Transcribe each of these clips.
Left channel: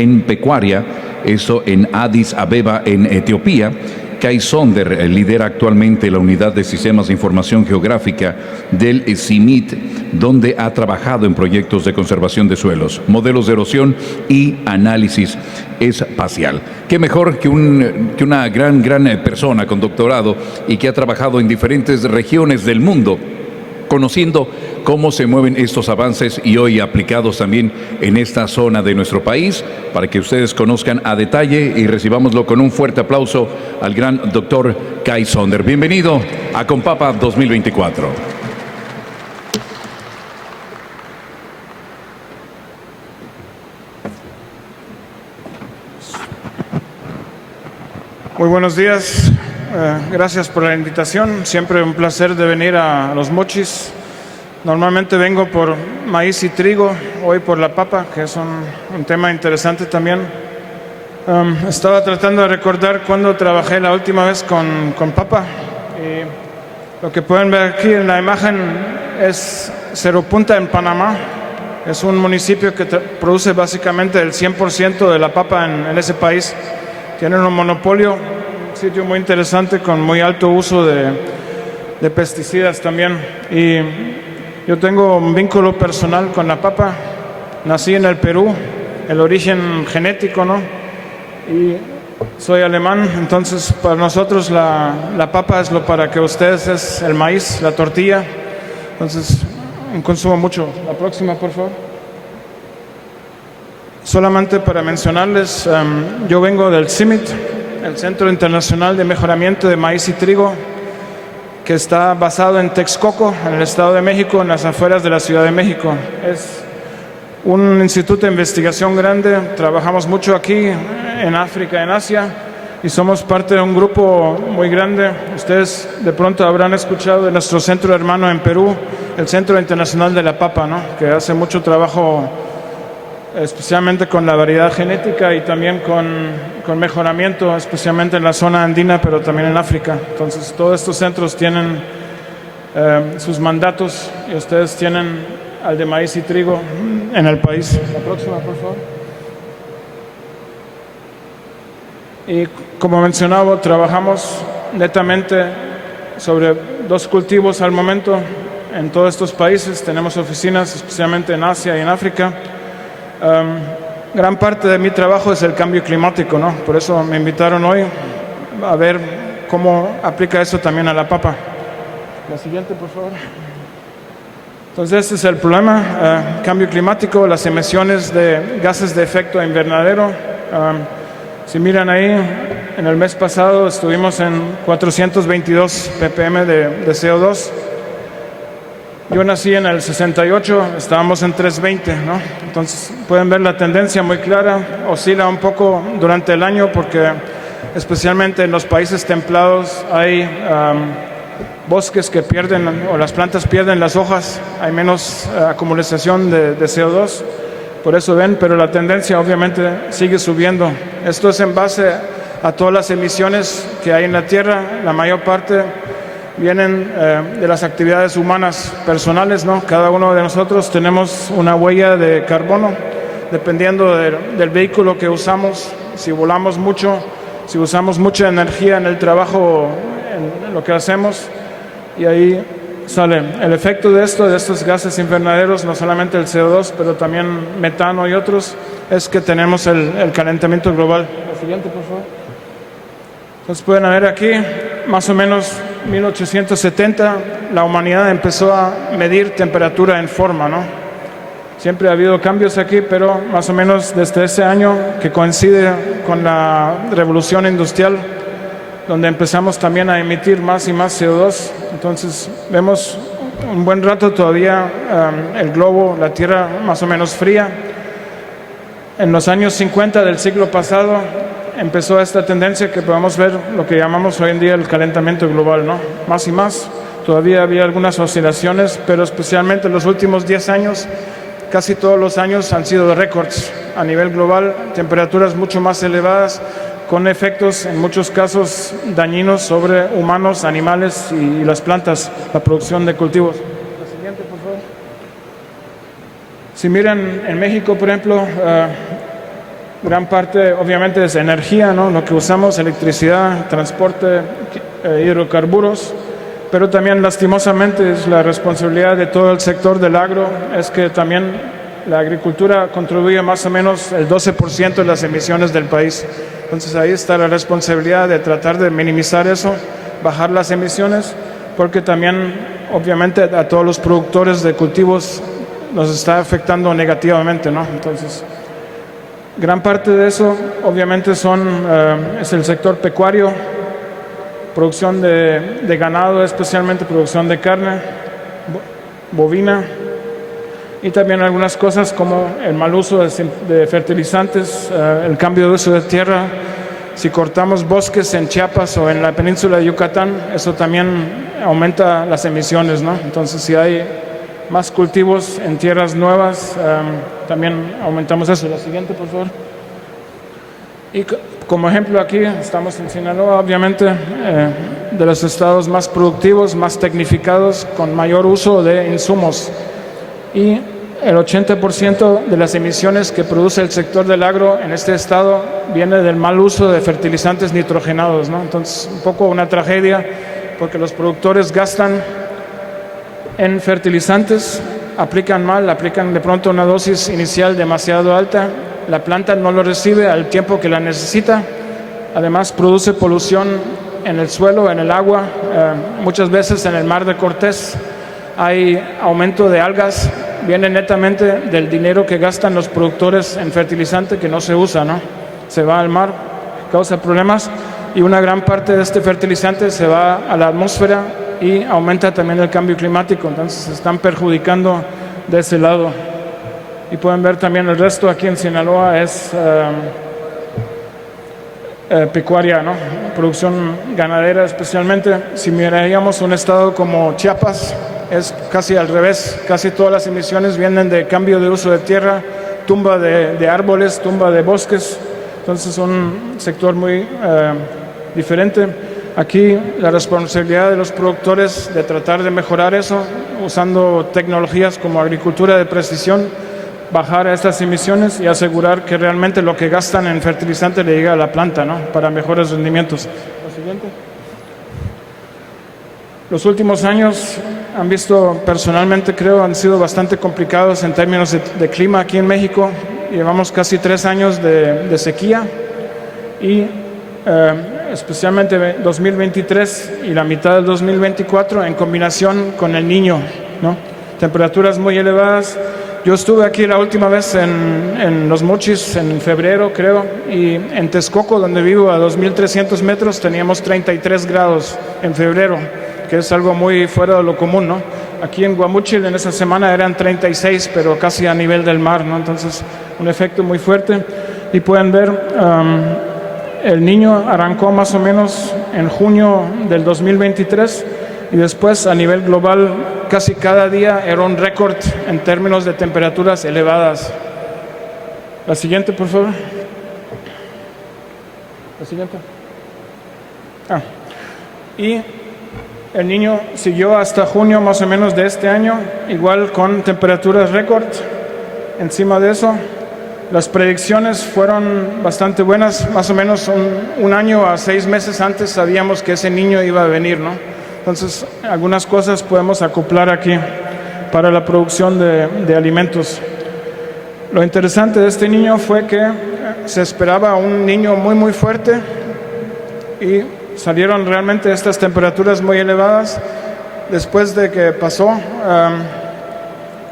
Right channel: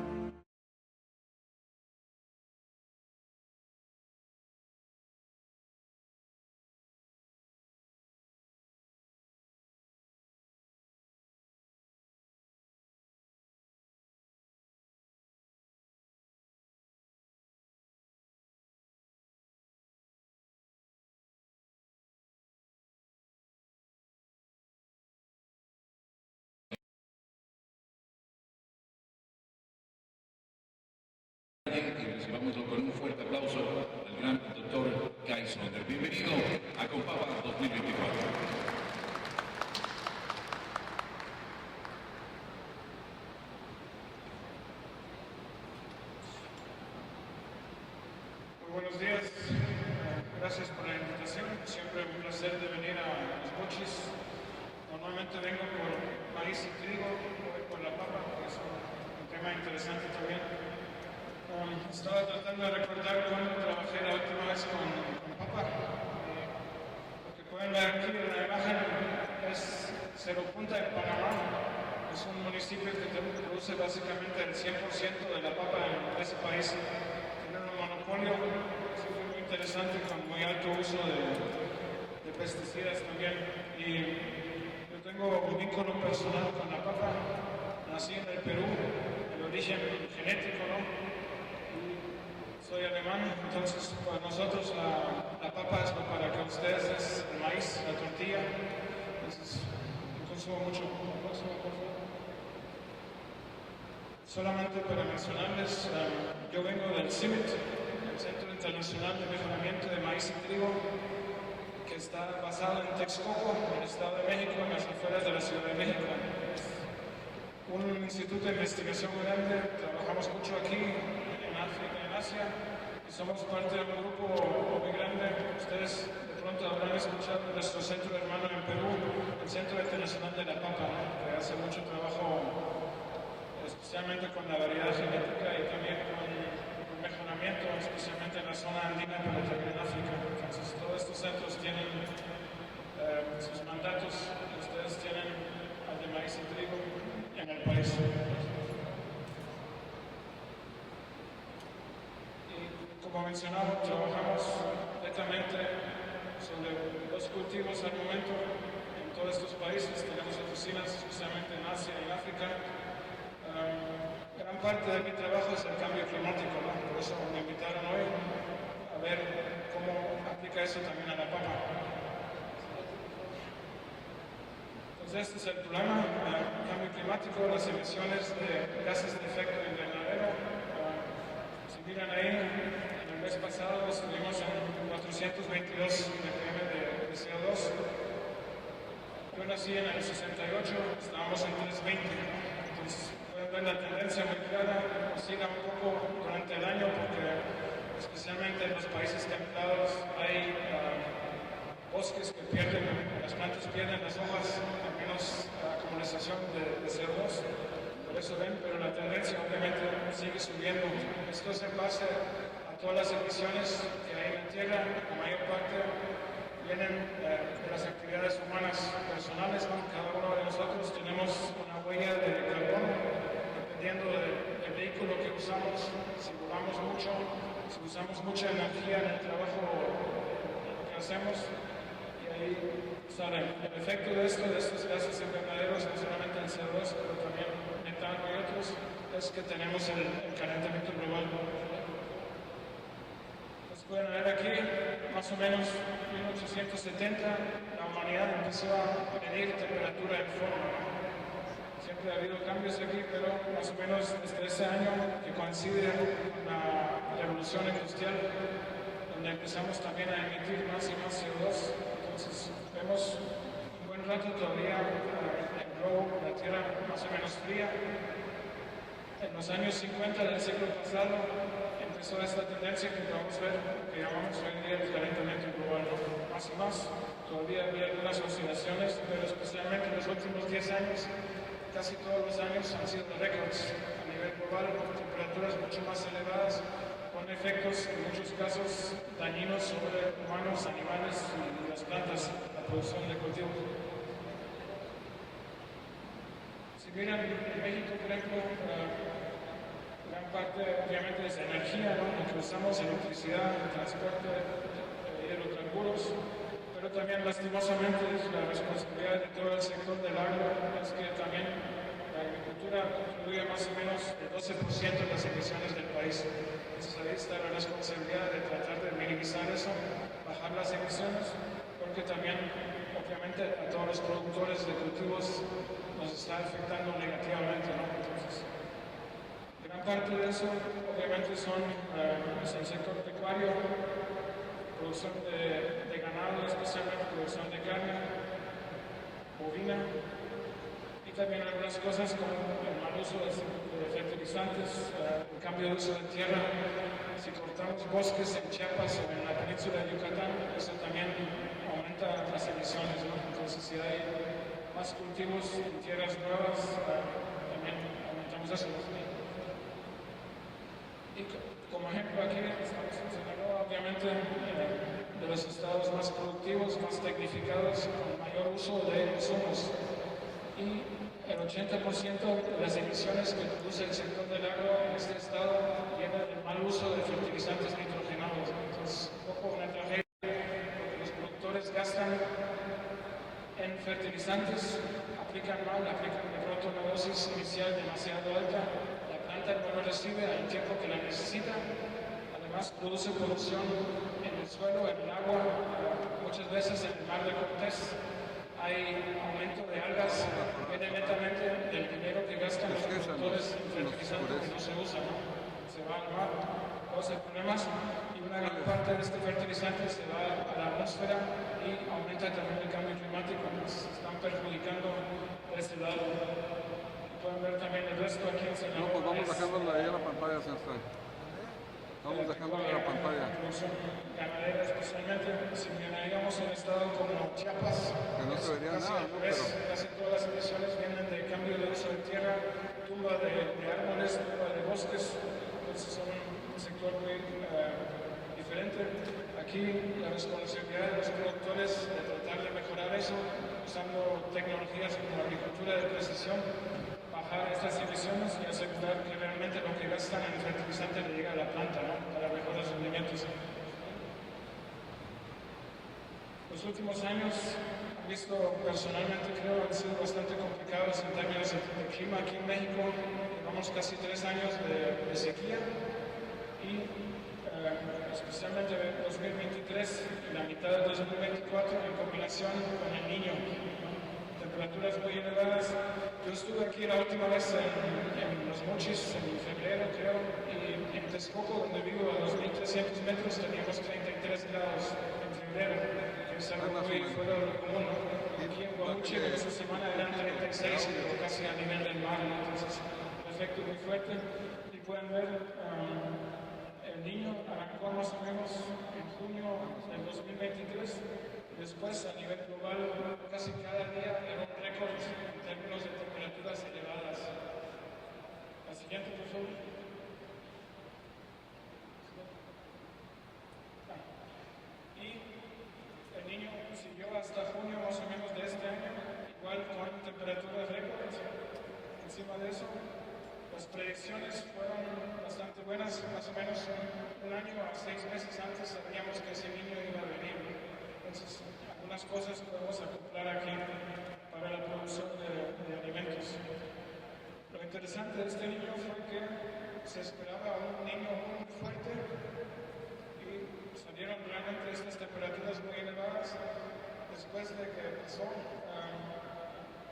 en pecuaria, eso en Addis Abeba, en Etiopía. Kai Sonder lidera actualmente la Unidad de Sistemas de Información Geográfica del CIMIT, donde ha trabajado en proyectos de conservación de suelos, modelos de erosión y análisis espacial. Qué mejor que una gran persona con doctorado y que ha trabajado en diferentes regiones del mundo, conociendo cómo se mueven estos avances y hoy aplicados también en esta zona de nuestro país, para que ustedes conozcan a detalle y recibámoslo con un fuerte aplauso al gran doctor Kai Sonder. Bienvenido a Compapa 2024. Muy buenos días. Gracias por la invitación. Siempre un placer de venir a Los Mochis. Normalmente vengo por maíz y trigo, hoy por la papa, que es un tema interesante también. Estaba tratando de recordar cuando trabajé la última vez con papa. Y lo que pueden ver aquí en la imagen es Cerro Punta en Panamá. Es un municipio que produce básicamente el 100% de la papa en ese país. Tienen un monopolio, un sitio muy interesante con muy alto uso de pesticidas también. Y yo tengo un vínculo personal con la papa. Nací en el Perú, el origen genético, ¿no? Y soy alemán, entonces para nosotros la papa es lo para que ustedes es el maíz, la tortilla. Entonces consumo mucho. La próxima, por favor. Solamente para mencionarles, yo vengo del CIMIT, el Centro Internacional de Mejoramiento de Maíz y Trigo, que está basado en Texcoco, en el Estado de México, en las afueras de la Ciudad de México. Es un instituto de investigación grande, trabajamos mucho aquí, en África, en Asia, y somos parte de un grupo muy grande. Ustedes de pronto habrán escuchado de nuestro centro hermano en Perú, el Centro Internacional de la Papa, ¿no? Que hace mucho trabajo especialmente con la variedad genética y también con mejoramiento, especialmente en la zona andina, pero también en África. Entonces, todos estos centros tienen sus mandatos y ustedes tienen al de maíz y trigo en el país. La próxima, por favor. Y como mencionaba, trabajamos netamente sobre 2 cultivos al momento en todos estos países. Tenemos oficinas especialmente en Asia y en África. Gran parte de mi trabajo es el cambio climático, ¿no? Por eso me invitaron hoy a ver cómo aplica eso también a la papa. La siguiente, por favor. Entonces, este es el problema, cambio climático, las emisiones de gases de efecto invernadero. Si miran ahí, en el mes pasado estuvimos en 422 ppm de CO2. Yo nací en el 68, estábamos en 320, ¿no? Entonces pueden ver la tendencia muy clara, oscila un poco durante el año porque especialmente en los países templados hay bosques que pierden, o las plantas pierden las hojas, hay menos acumulación de CO2, por eso ven, pero la tendencia obviamente sigue subiendo. Esto es en base a todas las emisiones que hay en la Tierra, la mayor parte vienen de las actividades humanas personales, ¿no? Cada uno de nosotros tenemos una huella de carbono, dependiendo del vehículo que usamos, si volamos mucho, si usamos mucha energía en el trabajo, en lo que hacemos, y ahí sale el efecto de estos gases invernaderos, no solamente el CO2, pero también metano y otros, es que tenemos el calentamiento global. La siguiente, por favor. Entonces pueden ver aquí, más o menos 1870, la humanidad empezó a medir temperatura en forma, ¿no? Siempre ha habido cambios aquí, pero más o menos desde ese año, que coincide con la revolución industrial, donde empezamos también a emitir más y más CO2. Entonces vemos un buen rato todavía el globo, la Tierra más o menos fría. En los años 50 del siglo pasado empezó esta tendencia que podemos ver, lo que llamamos hoy en día el calentamiento global, ¿no? Más y más. Todavía había algunas oscilaciones, pero especialmente en los últimos 10 años, casi todos los años han sido récords a nivel global, temperaturas mucho más elevadas, con efectos en muchos casos dañinos sobre humanos, animales y las plantas, la producción de cultivos. La siguiente, por favor. Si miran en México, por ejemplo, Gran parte, obviamente, es energía, ¿no? Lo que usamos, electricidad, transporte, hidrocarburos, pero también, lastimosamente, es la responsabilidad de todo el sector del agro, es que también la agricultura contribuye más o menos el 12% de las emisiones del país. Entonces, ahí está la responsabilidad de tratar de minimizar eso, bajar las emisiones, porque también, obviamente, a todos los productores de cultivos nos está afectando negativamente, ¿no? Entonces, gran parte de eso, obviamente, es el sector pecuario, producción de ganado, especialmente producción de carne bovina, y también algunas cosas como el mal uso de fertilizantes, el cambio de uso de tierra. Si cortamos bosques en Chiapas o en la península de Yucatán, eso también aumenta las emisiones, ¿no? Entonces, si hay más cultivos en tierras nuevas, también aumentamos eso. La siguiente, por favor. Y como ejemplo, aquí estamos en Sinaloa, obviamente, de los estados más productivos, más tecnificados, con mayor uso de insumos. Y el 80% de las emisiones que produce el sector del agro en este estado viene del mal uso de fertilizantes nitrogenados, ¿no? Entonces, un poco una tragedia, porque los productores gastan en fertilizantes, aplican mal, aplican de pronto una dosis inicial demasiado alta, la planta no lo recibe al tiempo que la necesita, además produce polución en el suelo, en el agua, muchas veces en el mar de Cortés hay aumento de algas, viene netamente del dinero que gastan los productores en fertilizante que no se usa, ¿no? Se va al mar, causa problemas, y una gran parte de este fertilizante se va a la atmósfera y aumenta también el cambio climático, entonces se están perjudicando de ese lado. Y pueden ver también el resto aquí en Sinaloa es pecuaria, ¿no? Producción ganadera, especialmente. Si miraríamos un estado como Chiapas, es casi al revés, casi todas las emisiones vienen de cambio de uso de tierra, tumba de árboles, tumba de bosques, entonces un sector muy diferente. Aquí la responsabilidad de los productores de tratar de mejorar eso, usando tecnologías como agricultura de precisión, bajar estas emisiones y asegurar que realmente lo que gastan en fertilizante le llega a la planta, ¿no? Para mejores rendimientos. Lo siguiente. Los últimos años han visto, personalmente creo, han sido bastante complicados en términos de clima aquí en México. Llevamos casi 3 años de sequía y especialmente 2023 y la mitad del 2024 en combinación con el Niño, ¿no? Temperaturas muy elevadas. Yo estuve aquí la última vez en Los Mochis en febrero, creo, y en Texcoco, donde vivo, a 2.300 metros, teníamos 33 grados en febrero, que es algo muy fuera de lo común, ¿no? Aquí en Guamúchil en esa semana eran 36, pero casi a nivel del mar, ¿no? Entonces, un efecto muy fuerte. Y pueden ver, el Niño arrancó más o menos en junio del 2023, y después a nivel global casi cada día era un récord en términos de temperaturas elevadas. La siguiente, por favor. La siguiente. Y el Niño siguió hasta junio más o menos de este año, igual con temperaturas récord. Encima de eso, las predicciones fueron bastante buenas, más o menos un año a 6 meses antes sabíamos que ese Niño iba a venir, ¿no? Entonces, algunas cosas podemos acoplar aquí para la producción de alimentos. Lo interesante de este Niño fue que se esperaba un Niño muy, muy fuerte y salieron realmente estas temperaturas muy elevadas. Después de que pasó,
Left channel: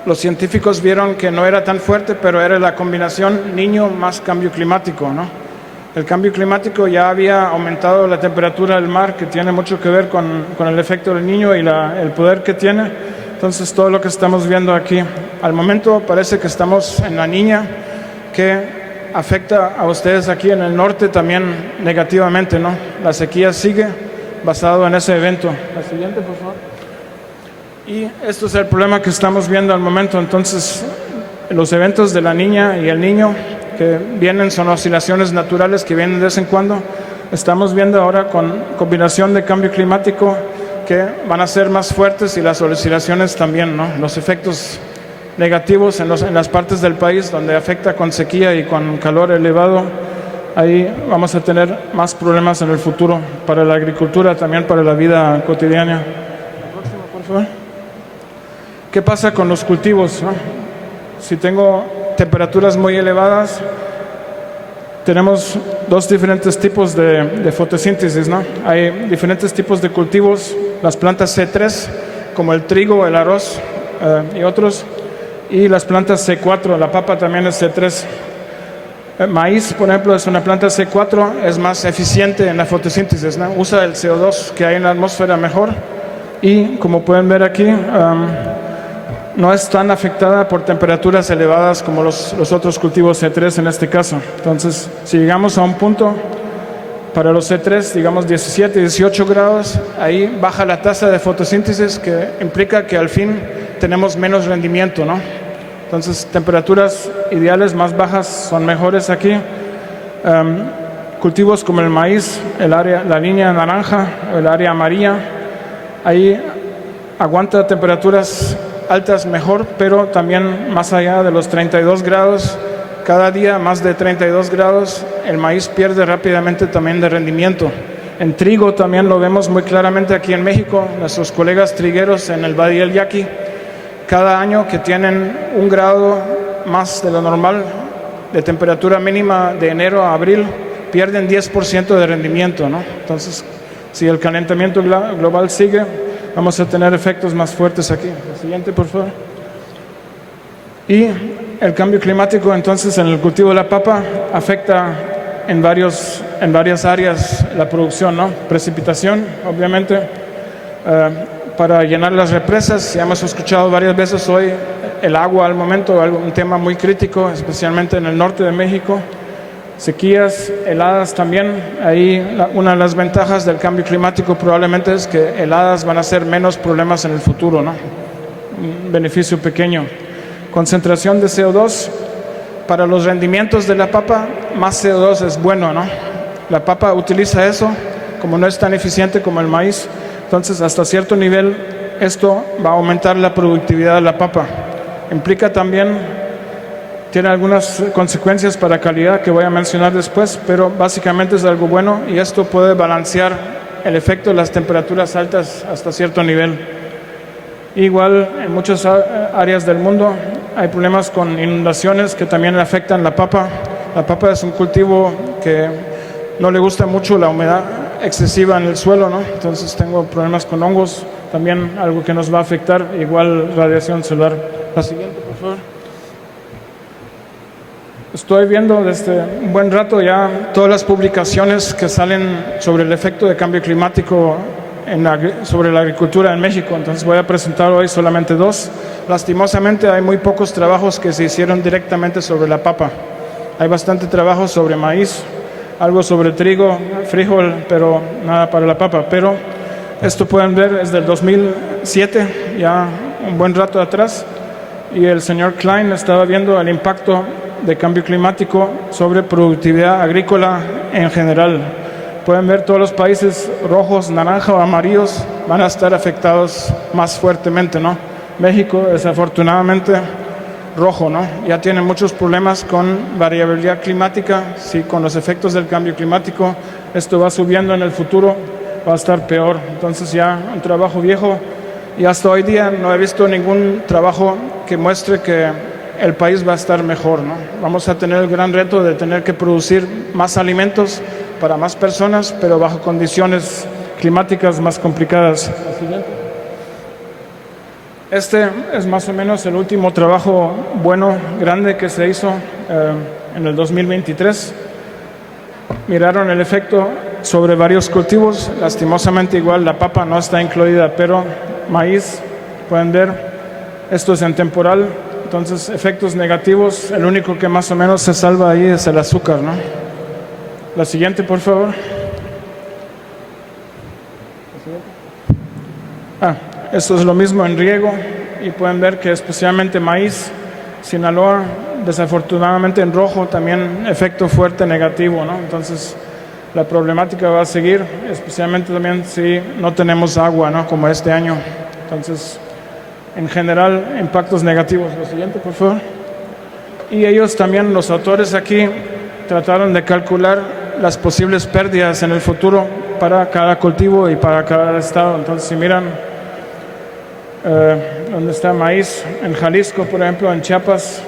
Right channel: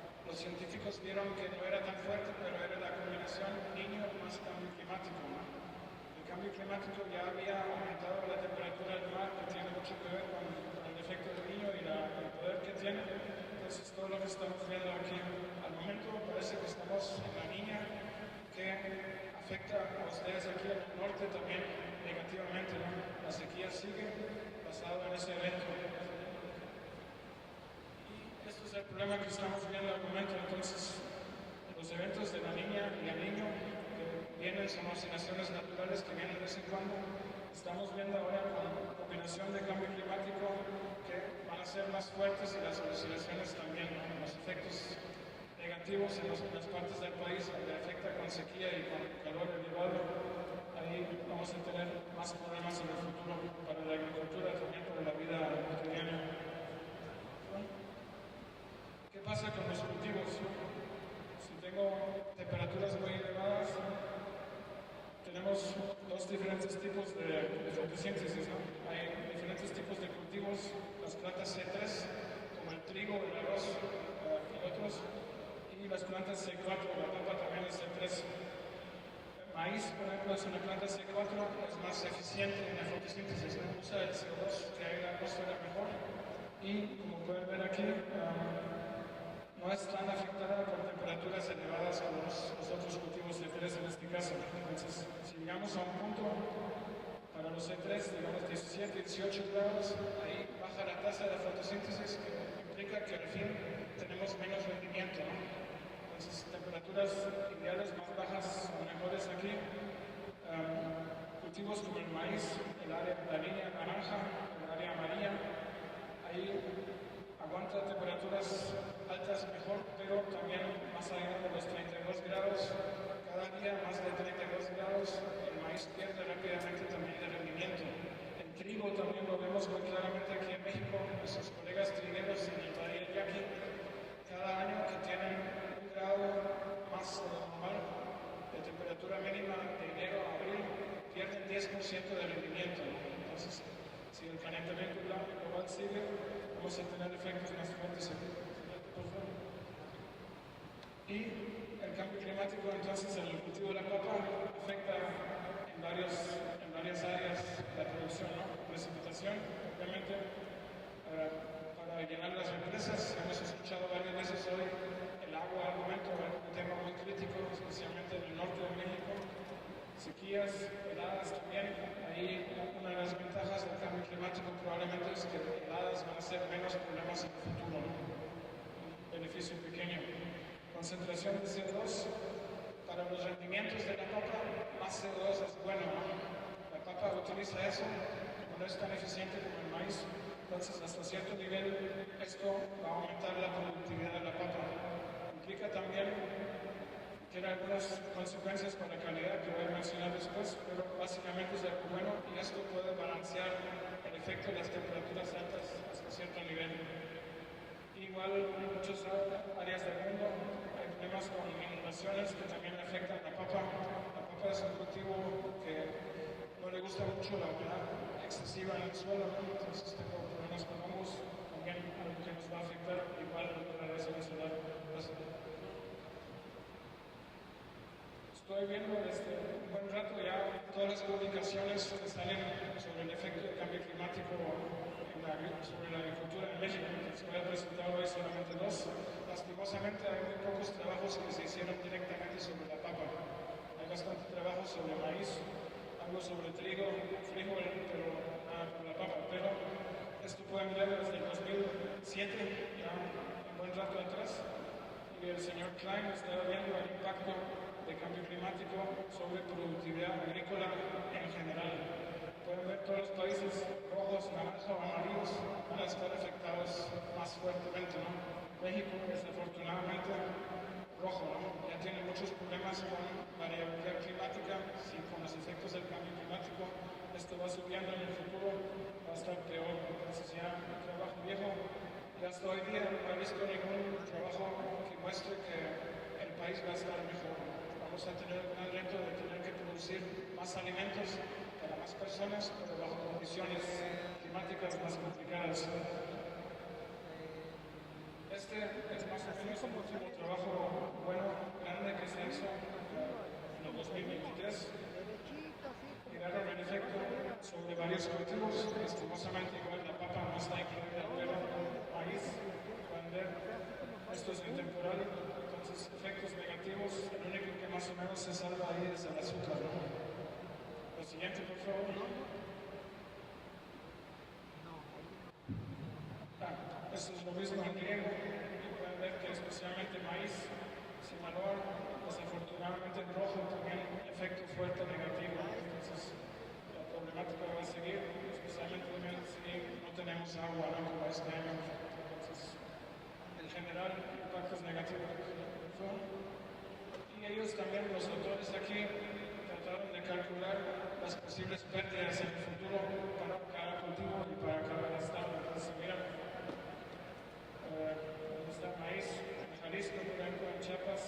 los científicos vieron que no era tan fuerte, pero era la combinación Niño más cambio climático, ¿no? El cambio climático ya había aumentado la temperatura del mar, que tiene mucho que ver con el efecto del Niño y el poder que tiene. Entonces, todo lo que estamos viendo aquí, al momento parece que estamos en la Niña, que afecta a ustedes aquí en el norte también negativamente, ¿no? La sequía sigue basado en ese evento. La siguiente, por favor. Y esto es el problema que estamos viendo al momento. Entonces, los eventos de la Niña y el Niño que vienen son oscilaciones naturales que vienen de vez en cuando. Estamos viendo ahora con combinación de cambio climático que van a ser más fuertes y las oscilaciones también, ¿no? Los efectos negativos en las partes del país donde afecta con sequía y con calor elevado. Ahí vamos a tener más problemas en el futuro para la agricultura, también para la vida cotidiana. La próxima, por favor. ¿Qué pasa con los cultivos, no? Si tengo temperaturas muy elevadas, tenemos dos diferentes tipos de fotosíntesis, ¿no? Hay diferentes tipos de cultivos, las plantas C3, como el trigo, el arroz y otros, y las plantas C4, la papa también es C3. Maíz, por ejemplo, es una planta C4, es más eficiente en la fotosíntesis, ¿no? Usa el CO2 que hay en la atmósfera mejor y, como pueden ver aquí, no es tan afectada por temperaturas elevadas como los otros cultivos C3 en este caso. Entonces, si llegamos a un punto para los C3, digamos 17, 18 grados, ahí baja la tasa de fotosíntesis, que implica que al fin tenemos menos rendimiento, ¿no? Entonces, temperaturas ideales más bajas son mejores aquí. Cultivos como el maíz, la línea naranja, el área amarilla, ahí aguanta temperaturas altas mejor, pero también más allá de los 32 grados, cada día más de 32 grados, el maíz pierde rápidamente también de rendimiento. En trigo también lo vemos muy claramente aquí en México, nuestros colegas trigueros en el Valle del Yaqui, cada año que tienen 1 grado más de lo normal de temperatura mínima de enero a abril, pierden 10% de rendimiento, ¿no? Entonces, si el calentamiento global sigue, vamos a tener efectos más fuertes aquí. El siguiente, por favor. Y el cambio climático, entonces, en el cultivo de la papa afecta en varias áreas la producción, ¿no? Precipitación, obviamente, para llenar las represas. Ya hemos escuchado varias veces hoy el agua al momento, un tema muy crítico, especialmente en el norte de México. Sequías, heladas también. Ahí una de las ventajas del cambio climático probablemente es que heladas van a ser menos problemas en el futuro, ¿no? Un beneficio pequeño. Concentración de CO2. Para los rendimientos de la papa, más CO2 es bueno, ¿no? La papa utiliza eso, como no es tan eficiente como el maíz. Entonces, hasta cierto nivel, esto va a aumentar la productividad de la papa. Implica también, tiene algunas consecuencias para calidad que voy a mencionar después, pero básicamente es algo bueno y esto puede balancear el efecto de las temperaturas altas hasta cierto nivel. Igual, en muchas áreas del mundo hay problemas con inundaciones que también afectan la papa. La papa es un cultivo que no le gusta mucho la humedad excesiva en el suelo, ¿no? Entonces tengo problemas con hongos, también algo que nos va a afectar, igual radiación solar. La siguiente, por favor. Estoy viendo desde un buen rato ya todas las publicaciones que salen sobre el efecto de cambio climático sobre la agricultura en México, entonces voy a presentar hoy solamente 2. Lastimosamente hay muy pocos trabajos que se hicieron directamente sobre la papa. Hay bastante trabajo sobre maíz, algo sobre trigo, frijol, pero nada para la papa. Pero esto pueden ver es del 2007, ya un buen rato atrás, y el señor Klein estaba viendo el impacto de cambio climático sobre productividad agrícola en general. Pueden ver todos los países rojos, naranja o amarillos van a estar afectados más fuertemente, ¿no? México, desafortunadamente, rojo, ¿no? Ya tiene muchos problemas con variabilidad climática. Si con los efectos del cambio climático esto va subiendo en el futuro, va a estar peor. Entonces ya un trabajo viejo y hasta hoy día no he visto ningún trabajo que muestre que el país va a estar mejor, ¿no? Vamos a tener el gran reto de tener que producir más alimentos para más personas, pero bajo condiciones climáticas más complicadas. Este es más o menos el último trabajo bueno, grande que se hizo en el 2023. Miraron el efecto sobre varios cultivos. Lastimosamente igual la papa no está incluida, pero maíz, pueden ver, esto es en temporal. Entonces, efectos negativos, el único que más o menos se salva ahí es el azúcar, ¿no? La siguiente, por favor. Esto es lo mismo en riego y pueden ver que especialmente maíz, Sinaloa, desafortunadamente en rojo, también efecto fuerte negativo, ¿no? Entonces, la problemática va a seguir, especialmente también si no tenemos agua, ¿no? Como este año. Entonces, en general impactos negativos. Lo siguiente, por favor. Y ellos también, los autores aquí, trataron de calcular las posibles pérdidas en el futuro para cada cultivo y para cada estado. Entonces, si miran donde está maíz, en Jalisco, por ejemplo, en Chiapas,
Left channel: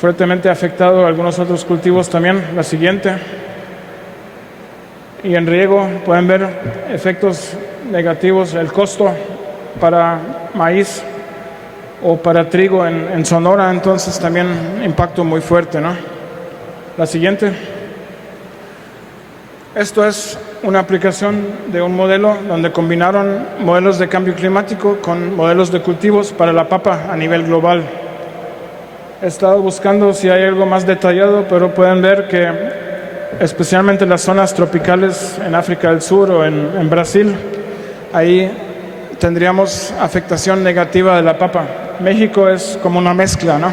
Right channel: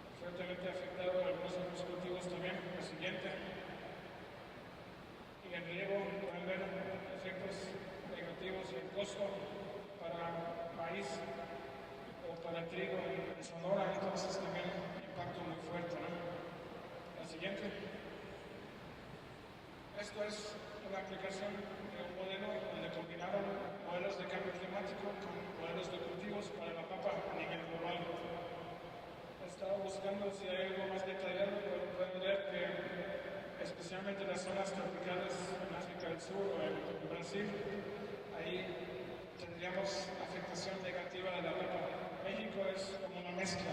fuertemente afectado, algunos otros cultivos también. La siguiente. Y en riego pueden ver efectos negativos, el costo para maíz o para trigo en Sonora, entonces también impacto muy fuerte, ¿no? La siguiente. Esto es una aplicación de un modelo donde combinaron modelos de cambio climático con modelos de cultivos para la papa a nivel global. He estado buscando si hay algo más detallado, pero pueden ver que especialmente en las zonas tropicales en África del Sur o en Brasil, ahí tendríamos afectación negativa de la papa. México es como una mezcla, ¿no?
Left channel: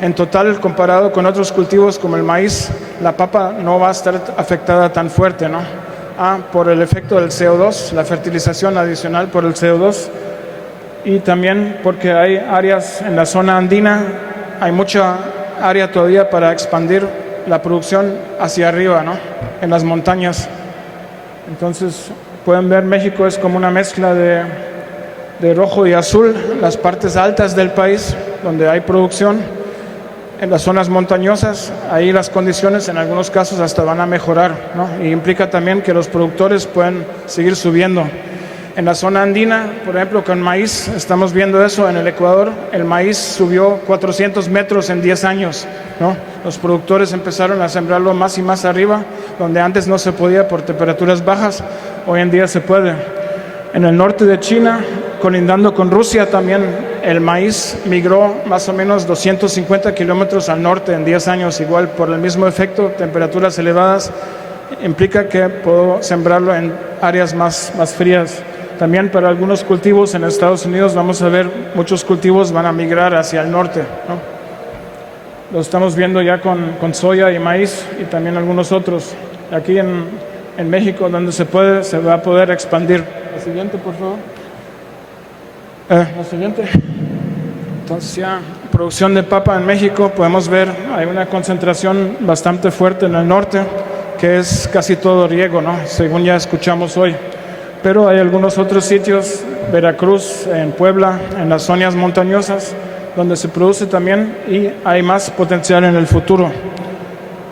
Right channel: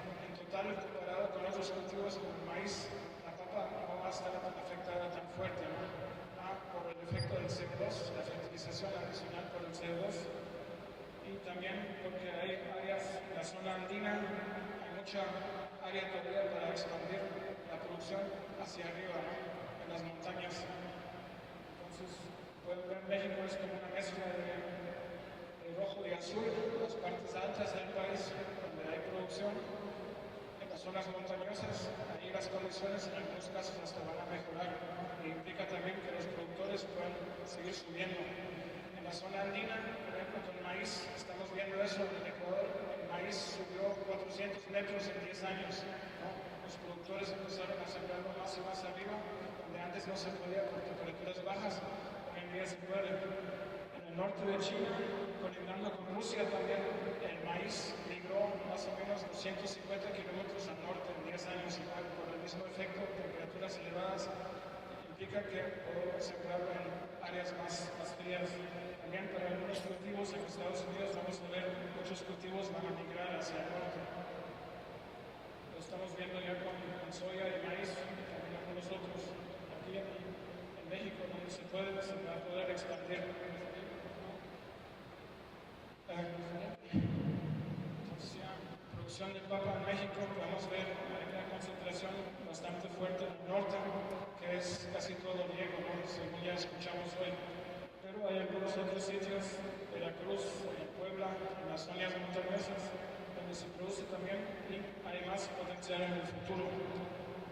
En total, comparado con otros cultivos como el maíz, la papa no va a estar afectada tan fuerte, ¿no? Por el efecto del CO2, la fertilización adicional por el CO2, y también porque hay áreas en la zona andina, hay mucha área todavía para expandir la producción hacia arriba, ¿no? En las montañas. Entonces, pueden ver, México es como una mezcla de rojo y azul, las partes altas del país donde hay producción. En las zonas montañosas, ahí las condiciones en algunos casos hasta van a mejorar, ¿no? Y implica también que los productores pueden seguir subiendo. En la zona andina, por ejemplo, con maíz, estamos viendo eso en el Ecuador, el maíz subió 400 metros en 10 años, ¿no? Los productores empezaron a sembrarlo más y más arriba, donde antes no se podía por temperaturas bajas, hoy en día se puede. En el norte de China, colindando con Rusia también, el maíz migró más o menos 250 kilómetros al norte en 10 años, igual por el mismo efecto, temperaturas elevadas, implica que puedo sembrarlo en áreas más frías. También para algunos cultivos en Estados Unidos vamos a ver muchos cultivos van a migrar hacia el norte, ¿no? Lo estamos viendo ya con soya y maíz y también algunos otros. Aquí en México, donde se puede, se va a poder expandir. La siguiente, por favor. La siguiente. Entonces ya, producción de papa en México, podemos ver, hay una concentración bastante fuerte en el norte, que es casi todo riego, ¿no? Según ya escuchamos hoy. Pero hay algunos otros sitios, Veracruz, en Puebla, en las zonas montañosas, donde se produce también y hay más potencial en el futuro.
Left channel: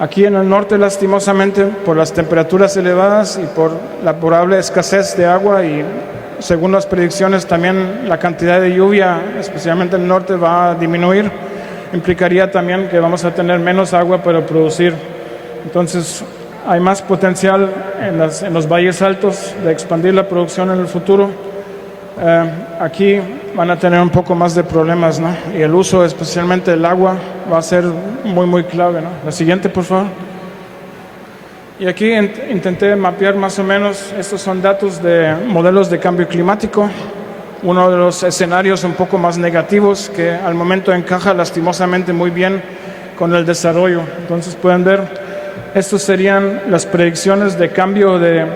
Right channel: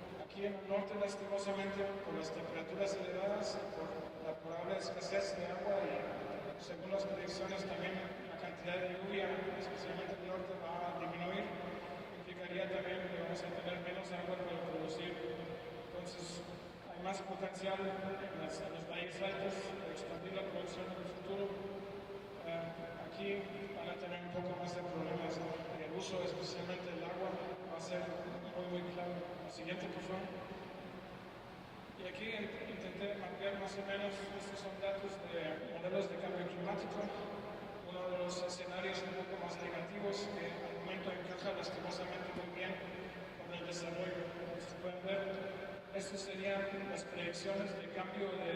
Aquí en el norte, lastimosamente, por las temperaturas elevadas y por la probable escasez de agua y, según las predicciones, también la cantidad de lluvia, especialmente en el norte, va a disminuir. Implicaría también que vamos a tener menos agua para producir. Entonces, hay más potencial en los valles altos de expandir la producción en el futuro. Aquí van a tener un poco más de problemas, ¿no? Y el uso, especialmente el agua, va a ser muy clave, ¿no? La siguiente, por favor. Y aquí intenté mapear más o menos, estos son datos de modelos de cambio climático. Uno de los escenarios un poco más negativos que al momento encaja lastimosamente muy bien con el desarrollo. Entonces pueden ver, estos serían las predicciones de cambio de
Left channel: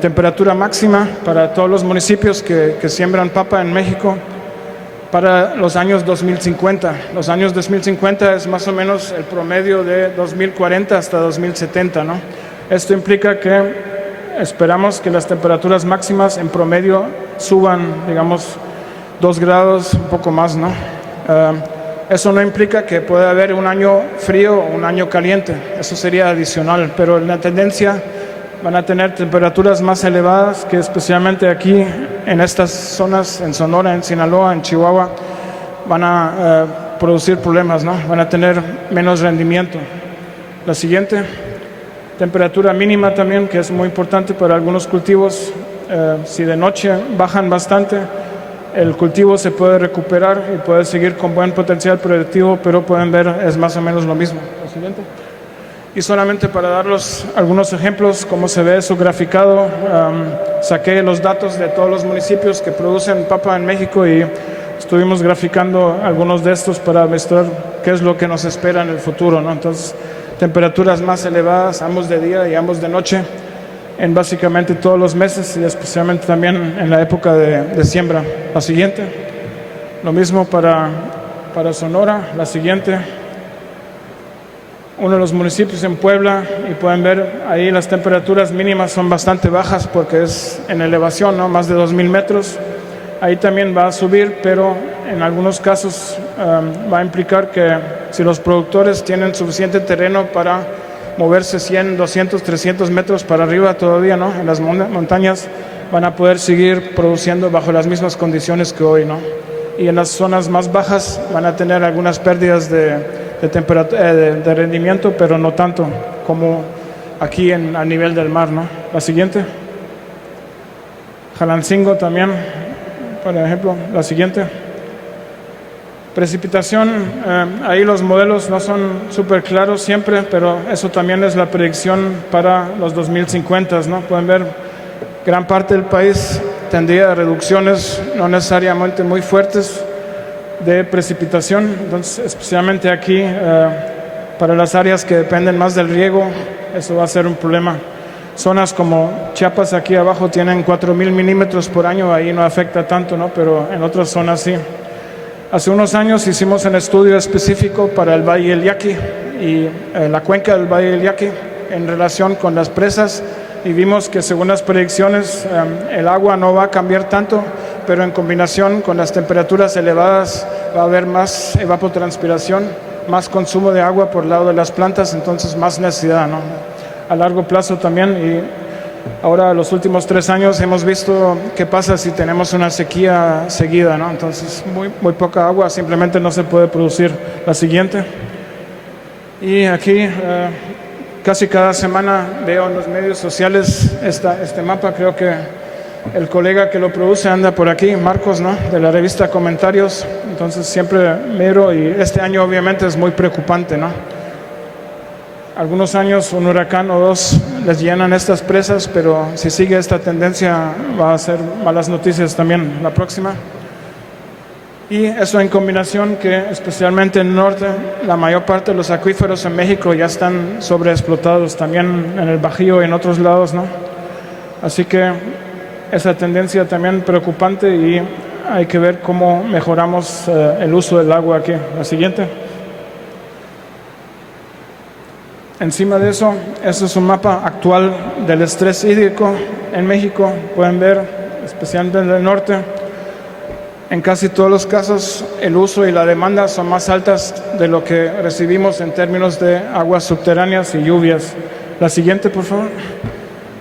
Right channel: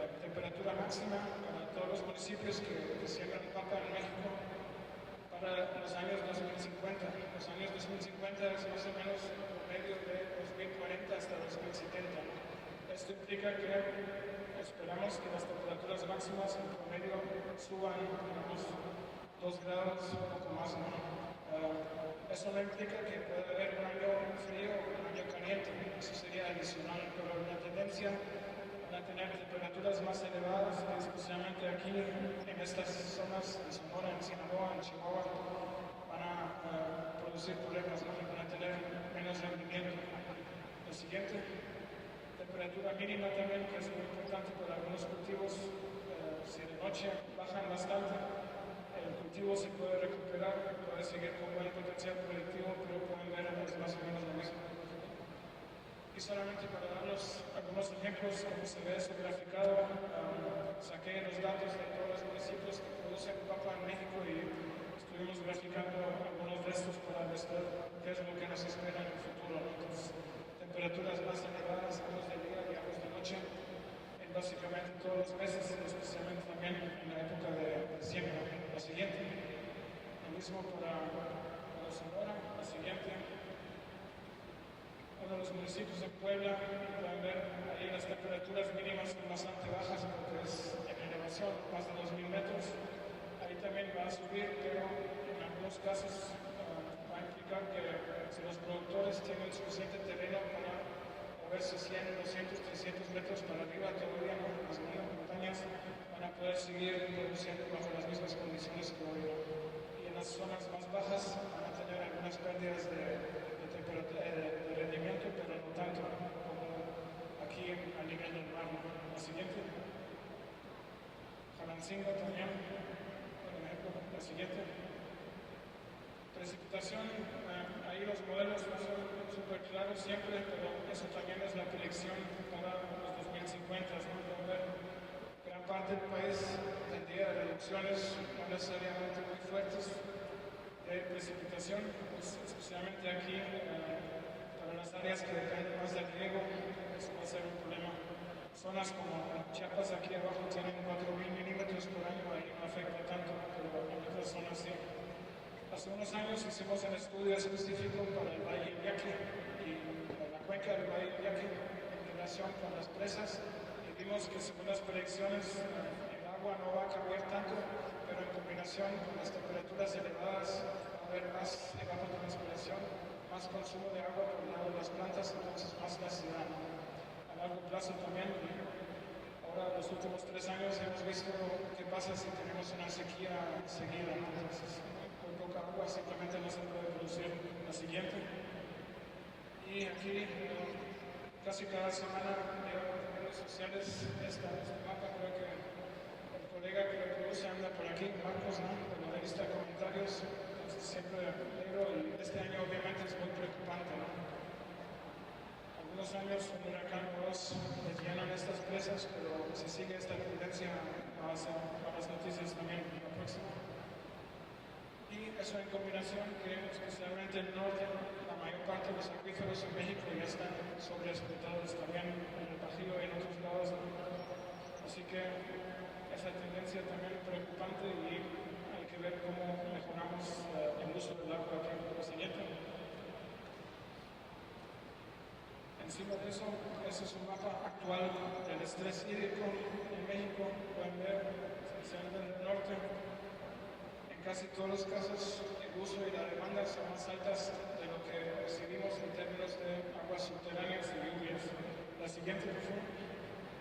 temperatura máxima para todos los municipios que siembran papa en México para los años 2050. Los años 2050 es más o menos el promedio de 2040 hasta 2070, ¿no? Esto implica que esperamos que las temperaturas máximas en promedio suban, digamos, 2 grados, un poco más, ¿no? Eso no implica que pueda haber un año frío o un año caliente, eso sería adicional, pero en la tendencia van a tener temperaturas más elevadas que especialmente aquí en estas zonas, en Sonora, en Sinaloa, en Chihuahua, van a producir problemas, ¿no? Van a tener menos rendimiento. La siguiente, temperatura mínima también, que es muy importante para algunos cultivos. Si de noche bajan bastante, el cultivo se puede recuperar y puede seguir con buen potencial productivo, pero pueden ver, es más o menos lo mismo. La siguiente. Y solamente para darles algunos ejemplos, cómo se ve eso graficado, saqué los datos de todos los municipios que producen papa en México y estuvimos graficando algunos de estos para mostrar qué es lo que nos espera en el futuro, ¿no? Entonces, temperaturas más elevadas, ambos de día y ambos de noche, en básicamente todos los meses y especialmente también en la época de siembra. La siguiente. Lo mismo para Sonora. La siguiente. Uno de los municipios en Puebla, y pueden ver ahí las temperaturas mínimas son bastante bajas porque es en elevación, ¿no? Más de 2,000 metros. Ahí también va a subir, pero en algunos casos va a implicar que si los productores tienen suficiente terreno para moverse 100, 200, 300 metros para arriba todavía, ¿no? En las montañas van a poder seguir produciendo bajo las mismas condiciones que hoy, ¿no? Y en las zonas más bajas van a tener algunas pérdidas de rendimiento, pero no tanto como aquí a nivel del mar, ¿no? La siguiente. Jalancingo también, por ejemplo. La siguiente. Precipitación, ahí los modelos no son súper claros siempre, pero eso también es la predicción para los 2050, ¿no? Pueden ver, gran parte del país tendría a reducciones no necesariamente muy fuertes de precipitación. Entonces, especialmente aquí, para las áreas que dependen más del riego, eso va a ser un problema. Zonas como Chiapas aquí abajo tienen 4,000 milímetros por año, ahí no afecta tanto, ¿no? Pero en otras zonas sí. Hace unos años hicimos un estudio específico para el Valle del Yaqui y la cuenca del Valle del Yaqui en relación con las presas, y vimos que según las predicciones el agua no va a cambiar tanto, pero en combinación con las temperaturas elevadas va a haber más evapotranspiración, más consumo de agua por el lado de las plantas, entonces más necesidad, ¿no? A largo plazo también. Y ahora, los últimos 3 años, hemos visto qué pasa si tenemos una sequía seguida, ¿no? Entonces, muy poca agua, simplemente no se puede producir. La siguiente. Y aquí, casi cada semana veo en los medios sociales este mapa. Creo que el colega que lo produce anda por aquí, Marcos, ¿no? De la revista Comentarios. Entonces, siempre miro, y este año obviamente es muy preocupante, ¿no? Algunos años un huracán o dos les llenan estas presas, pero si sigue esta tendencia va a ser malas noticias también la próxima. Y eso en combinación que especialmente en el norte, la mayor parte de los acuíferos en México ya están sobreexplotados, también en el Bajío y en otros lados, ¿no? Así que esa tendencia también preocupante, y hay que ver cómo mejoramos el uso del agua aquí. La siguiente. Encima de eso, este es un mapa actual del estrés hídrico en México. Pueden ver, especialmente en el norte, en casi todos los casos el uso y la demanda son más altas de lo que recibimos en términos de aguas subterráneas y lluvias. La siguiente, por favor.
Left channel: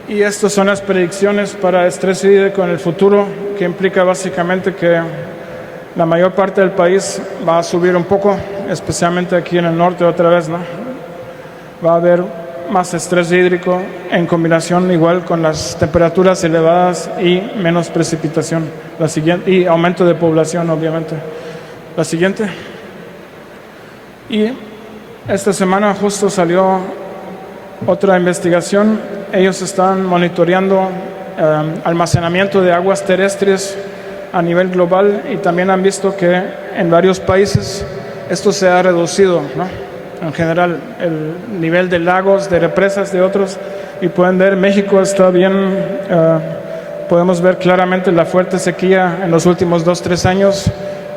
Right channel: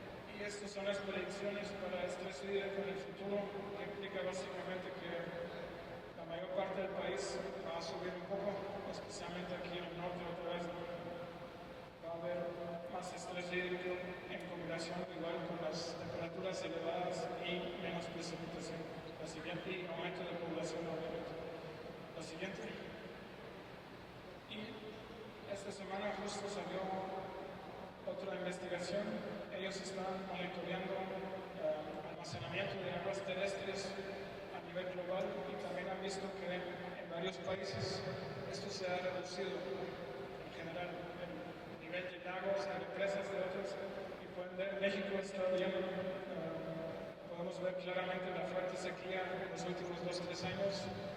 Y estas son las predicciones para estrés hídrico en el futuro, que implica básicamente que la mayor parte del país va a subir un poco, especialmente aquí en el norte otra vez, ¿no? Va a haber más estrés hídrico en combinación igual con las temperaturas elevadas y menos precipitación. La siguiente, y aumento de población, obviamente. La siguiente. Y esta semana justo salió otra investigación. Ellos están monitoreando almacenamiento de aguas terrestres a nivel global, y también han visto que en varios países esto se ha reducido, ¿no? En general, el nivel de lagos, de represas, de otros, y pueden ver, México está bien, podemos ver claramente la fuerte sequía en los últimos 2-3 años.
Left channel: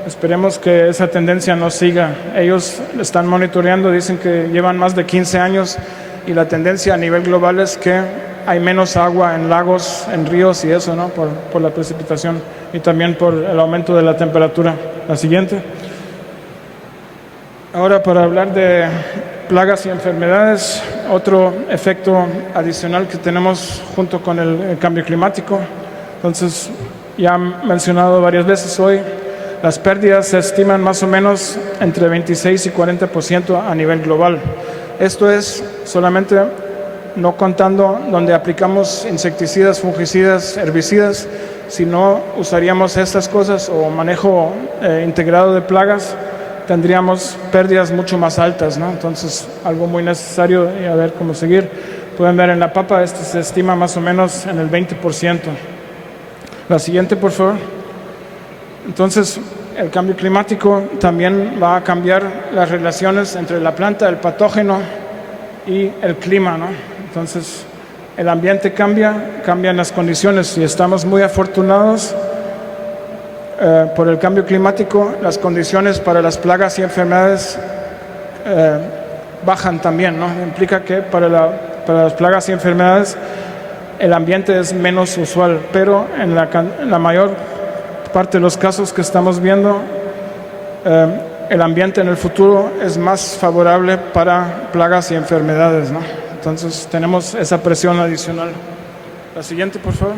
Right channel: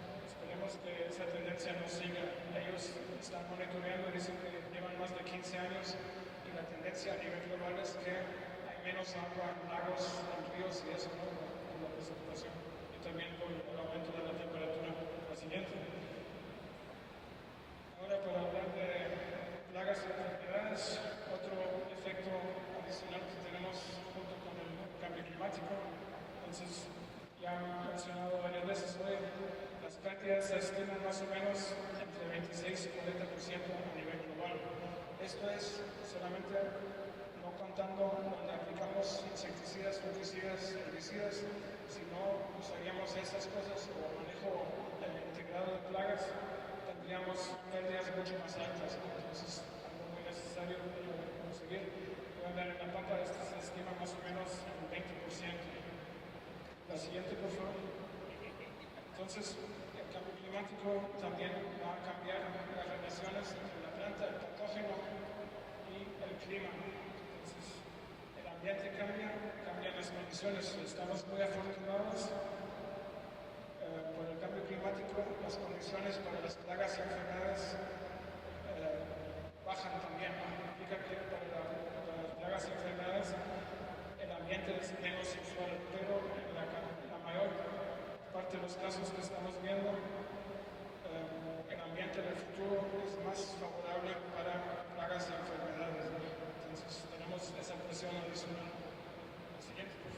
Esperemos que esa tendencia no siga. Ellos están monitoreando, dicen que llevan más de 15 años, y la tendencia a nivel global es que hay menos agua en lagos, en ríos y eso, ¿no? Por la precipitación y también por el aumento de la temperatura. La siguiente. Ahora, para hablar de plagas y enfermedades, otro efecto adicional que tenemos junto con el cambio climático. Entonces, ya han mencionado varias veces hoy, las pérdidas se estiman más o menos entre 26 y 40% a nivel global. Esto es solamente no contando donde aplicamos insecticidas, fungicidas, herbicidas. Si no usaríamos estas cosas o manejo integrado de plagas, tendríamos pérdidas mucho más altas, ¿no? Entonces, algo muy necesario, y a ver cómo seguir. Pueden ver en la papa, esto se estima más o menos en el 20%. La siguiente, por favor. Entonces, el cambio climático también va a cambiar las relaciones entre la planta, el patógeno y el clima, ¿no? Entonces, el ambiente cambia, cambian las condiciones, y estamos muy afortunados por el cambio climático, las condiciones para las plagas y enfermedades bajan también, ¿no? Implica que para las plagas y enfermedades el ambiente es menos usual, pero en la mayor parte de los casos que estamos viendo, el ambiente en el futuro es más favorable para plagas y enfermedades, ¿no? Entonces tenemos esa presión adicional. La siguiente, por favor.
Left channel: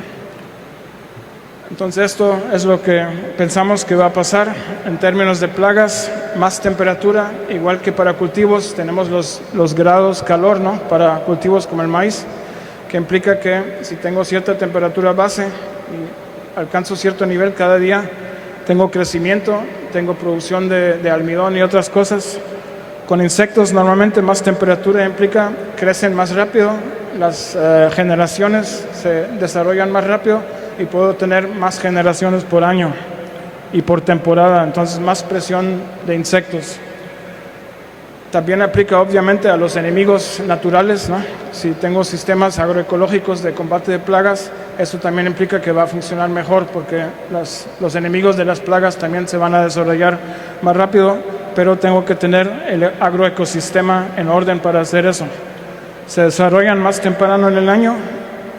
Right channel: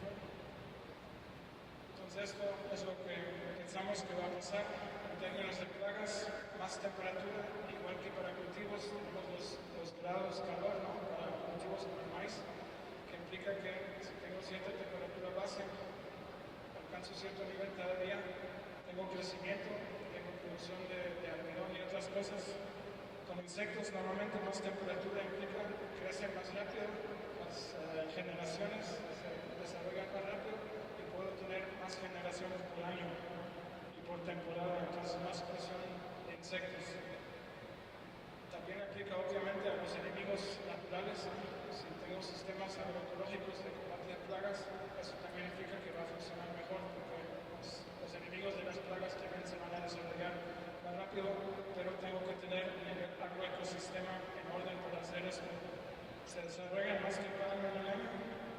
Entonces esto es lo que pensamos que va a pasar en términos de plagas, más temperatura, igual que para cultivos tenemos los grados calor, ¿no? Para cultivos como el maíz, que implica que si tengo cierta temperatura base y alcanzo cierto nivel cada día, tengo crecimiento, tengo producción de almidón y otras cosas. Con insectos normalmente más temperatura implica crecen más rápido, las generaciones se desarrollan más rápido y puedo tener más generaciones por año y por temporada, entonces más presión de insectos. También aplica obviamente a los enemigos naturales, ¿no? Si tengo sistemas agroecológicos de combate de plagas, eso también implica que va a funcionar mejor porque los enemigos de las plagas también se van a desarrollar más rápido, pero tengo que tener el agroecosistema en orden para hacer eso. Se desarrollan más temprano en el año,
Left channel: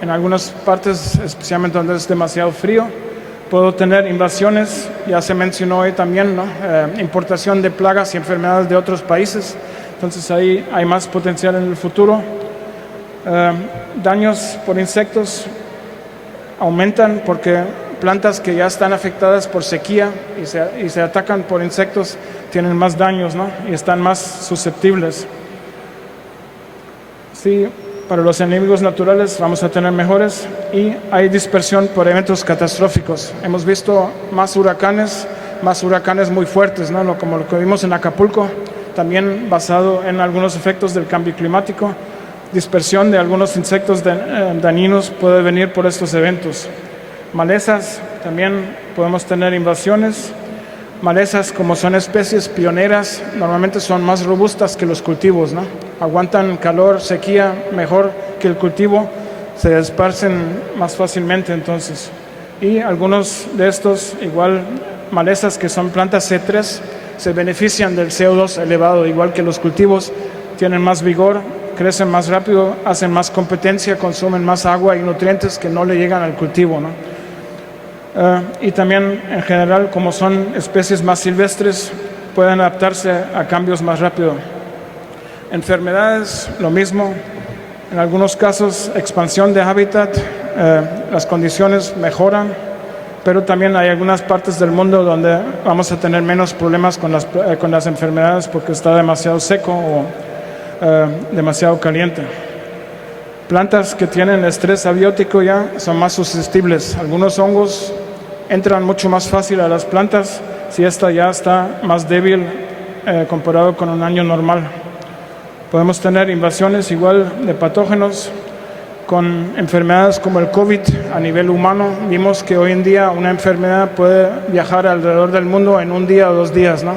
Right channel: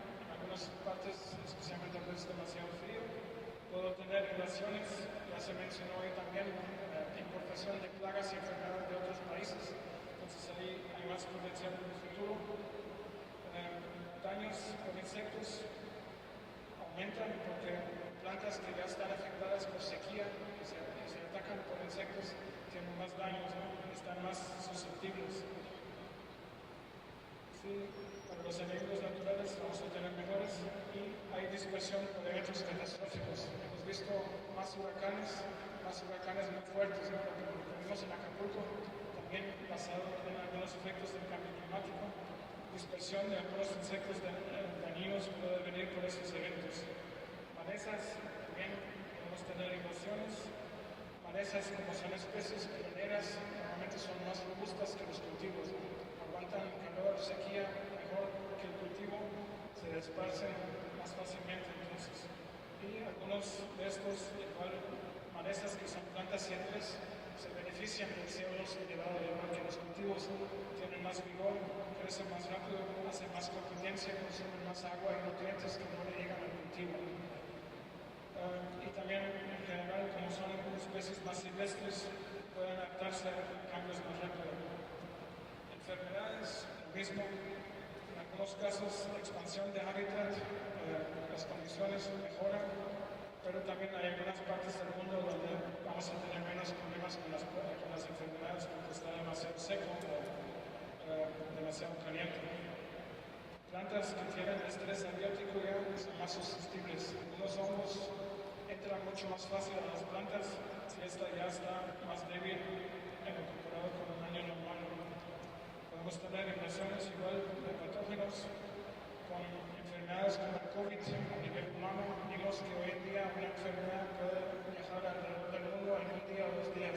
en algunas partes, especialmente donde es demasiado frío. Puedo tener invasiones, ya se mencionó hoy también, ¿no? Importación de plagas y enfermedades de otros países, entonces ahí hay más potencial en el futuro. Daños por insectos aumentan porque plantas que ya están afectadas por sequía y se atacan por insectos tienen más daños, ¿no? Y están más susceptibles. Sí, para los enemigos naturales vamos a tener mejores y hay dispersión por eventos catastróficos. Hemos visto más huracanes muy fuertes, ¿no? Como lo que vimos en Acapulco, también basado en algunos efectos del cambio climático. Dispersión de algunos insectos dañinos puede venir por estos eventos. Malezas, también podemos tener invasiones. Malezas, como son especies pioneras, normalmente son más robustas que los cultivos, ¿no? Aguantan calor, sequía mejor que el cultivo, se esparcen más fácilmente entonces. Y algunos de estos, igual malezas que son plantas C3, se benefician del CO2 elevado, igual que los cultivos, tienen más vigor, crecen más rápido, hacen más competencia, consumen más agua y nutrientes que no le llegan al cultivo, ¿no? Y también en general, como son especies más silvestres, pueden adaptarse a cambios más rápido. Enfermedades, lo mismo. En algunos casos, expansión de hábitat, las condiciones mejoran, pero también hay algunas partes del mundo donde vamos a tener menos problemas con las enfermedades porque está demasiado seco o demasiado caliente. Plantas que tienen estrés abiótico ya son más susceptibles. Algunos hongos entran mucho más fácil a las plantas si esta ya está más débil comparado con un año normal. Podemos tener invasiones igual de patógenos con enfermedades como el COVID a nivel humano. Vimos que hoy en día una enfermedad puede viajar alrededor del mundo en un día o 2 días, ¿no?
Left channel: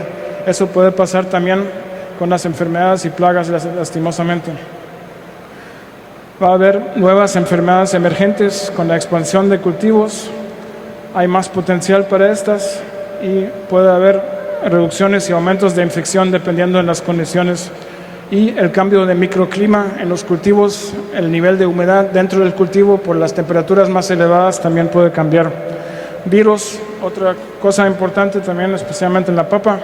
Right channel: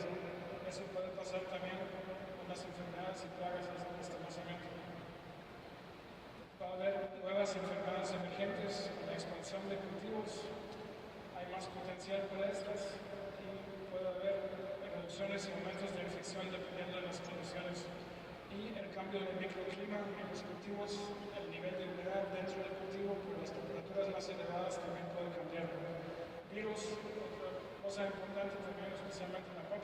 Eso puede pasar también con las enfermedades y plagas, lastimosamente. Va a haber nuevas enfermedades emergentes con la expansión de cultivos. Hay más potencial para estas y puede haber reducciones y aumentos de infección dependiendo de las condiciones. Y el cambio de microclima en los cultivos, el nivel de humedad dentro del cultivo por las temperaturas más elevadas también puede cambiar. Virus, otra cosa importante también, especialmente en la papa.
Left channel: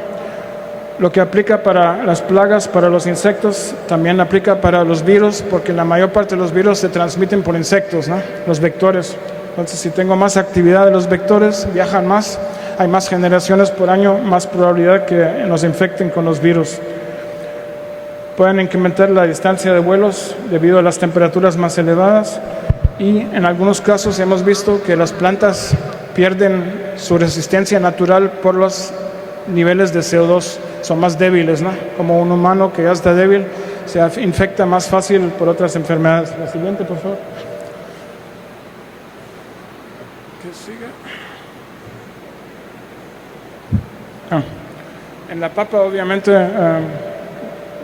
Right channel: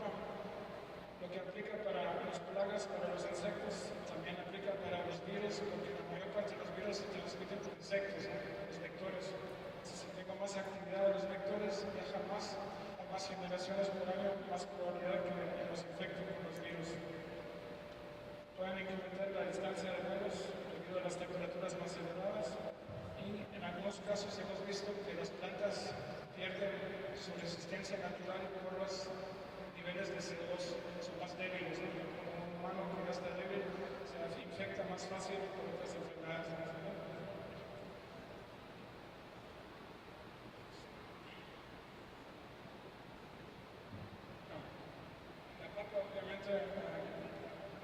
Lo que aplica para las plagas, para los insectos, también aplica para los virus, porque la mayor parte de los virus se transmiten por insectos, ¿no? Los vectores. Entonces, si tengo más actividad de los vectores, viajan más, hay más generaciones por año, más probabilidad que nos infecten con los virus. Pueden incrementar la distancia de vuelos debido a las temperaturas más elevadas y en algunos casos hemos visto que las plantas pierden su resistencia natural por los niveles de CO2, son más débiles, ¿no? Como un humano que ya está débil, se infecta más fácil por otras enfermedades. La siguiente, por favor. ¿Qué sigue? En la papa, obviamente,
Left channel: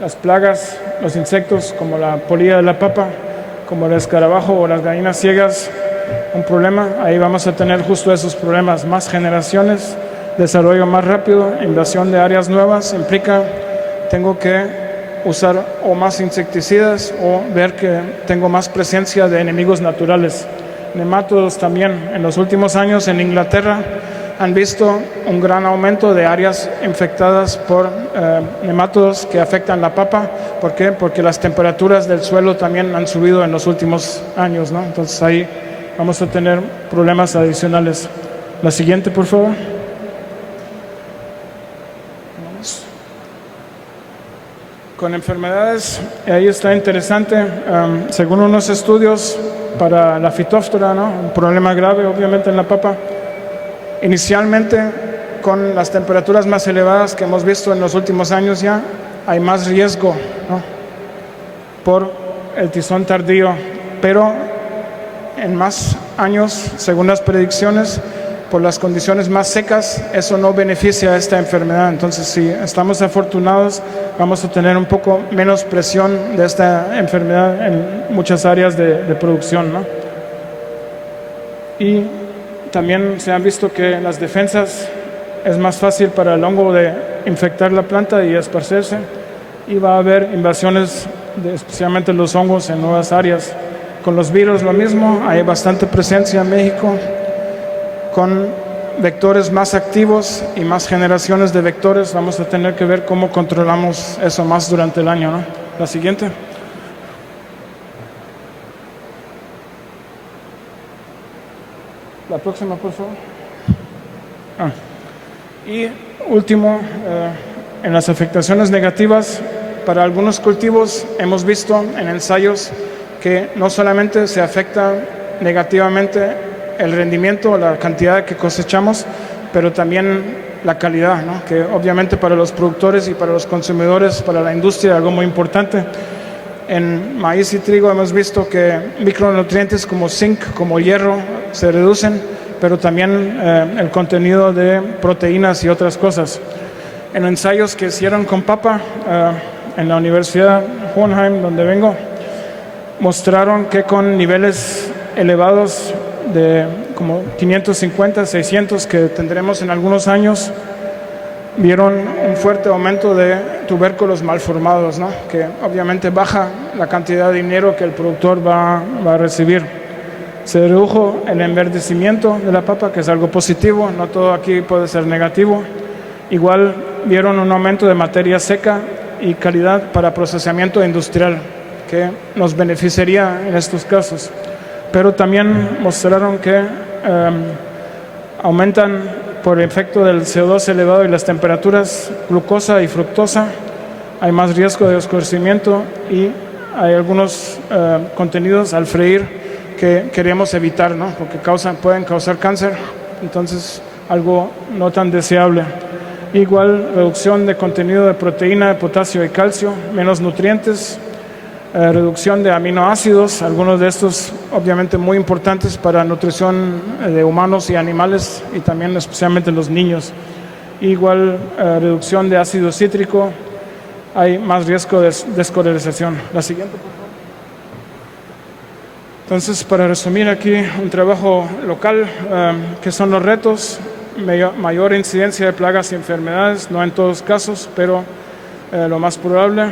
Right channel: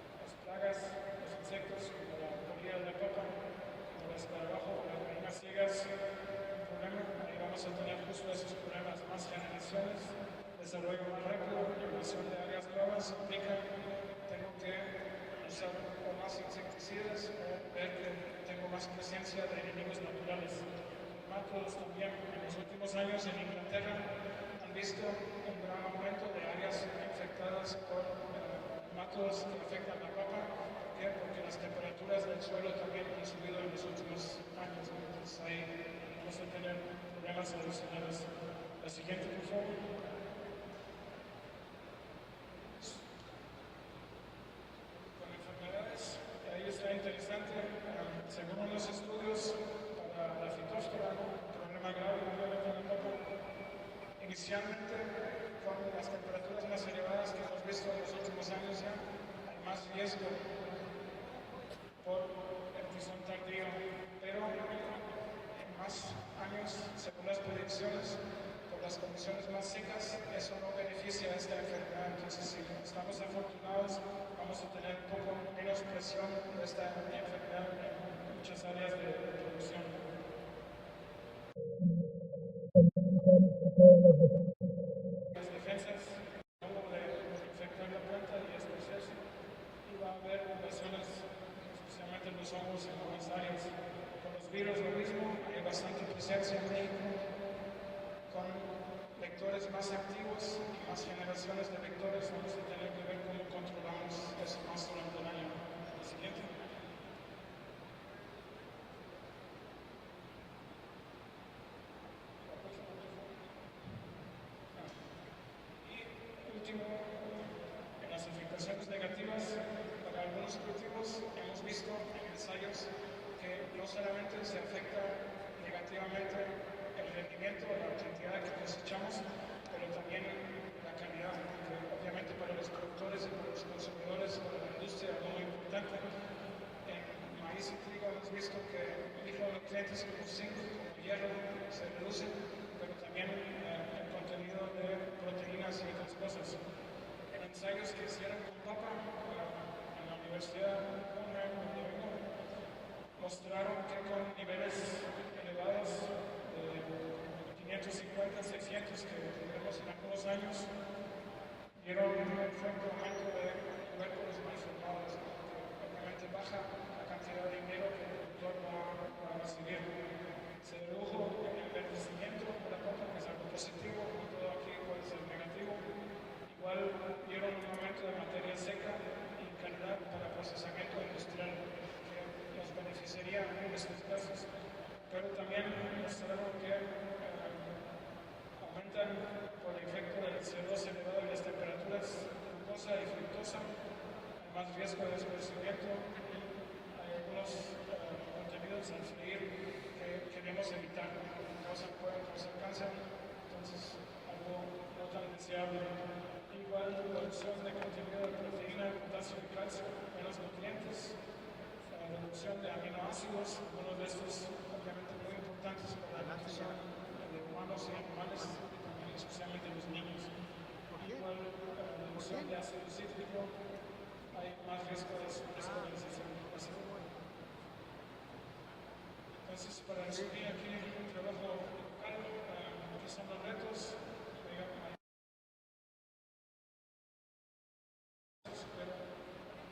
las plagas, los insectos como la polilla de la papa, como el escarabajo o las gallinas ciegas, un problema. Ahí vamos a tener justo esos problemas, más generaciones, desarrollo más rápido, invasión de áreas nuevas, implica tengo que usar o más insecticidas o ver que tengo más presencia de enemigos naturales. Nemátodos también. En los últimos años en Inglaterra han visto un gran aumento de áreas infectadas por nemátodos que afectan la papa. ¿Por qué? Porque las temperaturas del suelo también han subido en los últimos años, ¿no? Entonces ahí vamos a tener problemas adicionales. La siguiente, por favor. Con enfermedades, ahí está interesante, según unos estudios para la fitóftora, ¿no? Un problema grave obviamente en la papa. Inicialmente, con las temperaturas más elevadas que hemos visto en los últimos años ya, hay más riesgo, ¿no? Por el tizón tardío, pero en más años, según las predicciones, por las condiciones más secas, eso no beneficia a esta enfermedad. Entonces, si estamos afortunados, vamos a tener un poco menos presión de esta enfermedad en muchas áreas de producción, ¿no? Y también se han visto que las defensas es más fácil para el hongo de infectar la planta y esparcerse, y va a haber invasiones, especialmente los hongos, en nuevas áreas. Con los virus lo mismo, hay bastante presencia en México, con vectores más activos y más generaciones de vectores. Vamos a tener que ver cómo controlamos eso más durante el año, ¿no? La siguiente. La próxima, por favor. Y último, en las afectaciones negativas, para algunos cultivos hemos visto en ensayos que no solamente se afecta negativamente el rendimiento, la cantidad que cosechamos, pero también la calidad, ¿no? Que obviamente para los productores y para los consumidores, para la industria, es algo muy importante. En maíz y trigo hemos visto que micronutrientes como zinc, como hierro, se reducen, pero también el contenido de proteínas y otras cosas. En ensayos que hicieron con papa en la Universidad Hohenheim, donde vengo, mostraron que con niveles elevados de como 550, 600 que tendremos en algunos años, vieron un fuerte aumento de tubérculos malformados, ¿no? Que obviamente baja la cantidad de dinero que el productor va a recibir. Se redujo el enverdecimiento de la papa, que es algo positivo, no todo aquí puede ser negativo. Igual vieron un aumento de materia seca y calidad para procesamiento industrial, que nos beneficiaría en estos casos. Pero también mostraron que aumentan por efecto del CO2 elevado y las temperaturas glucosa y fructosa, hay más riesgo de oscurecimiento y hay algunos contenidos al freír que queremos evitar, ¿no? Porque pueden causar cáncer, entonces algo no tan deseable. Igual reducción de contenido de proteína, de potasio y calcio, menos nutrientes, reducción de aminoácidos, algunos de estos obviamente muy importantes para nutrición de humanos y animales y también especialmente los niños. Igual reducción de ácido cítrico, hay más riesgo de descolorización. La siguiente, por favor. Entonces, para resumir aquí, un trabajo local, ¿qué son los retos? Mayor incidencia de plagas y enfermedades, no en todos casos, pero lo más probable.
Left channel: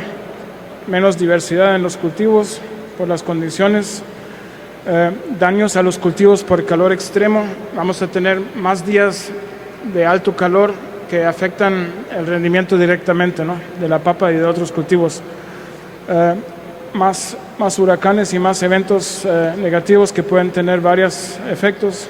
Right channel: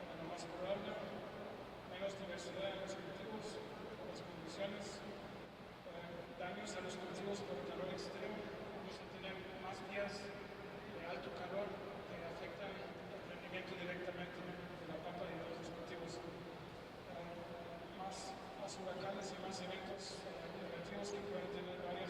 Menos diversidad en los cultivos por las condiciones, daños a los cultivos por calor extremo. Vamos a tener más días de alto calor que afectan el rendimiento directamente, ¿no? De la papa y de otros cultivos. Más huracanes y más eventos negativos que pueden tener varios efectos.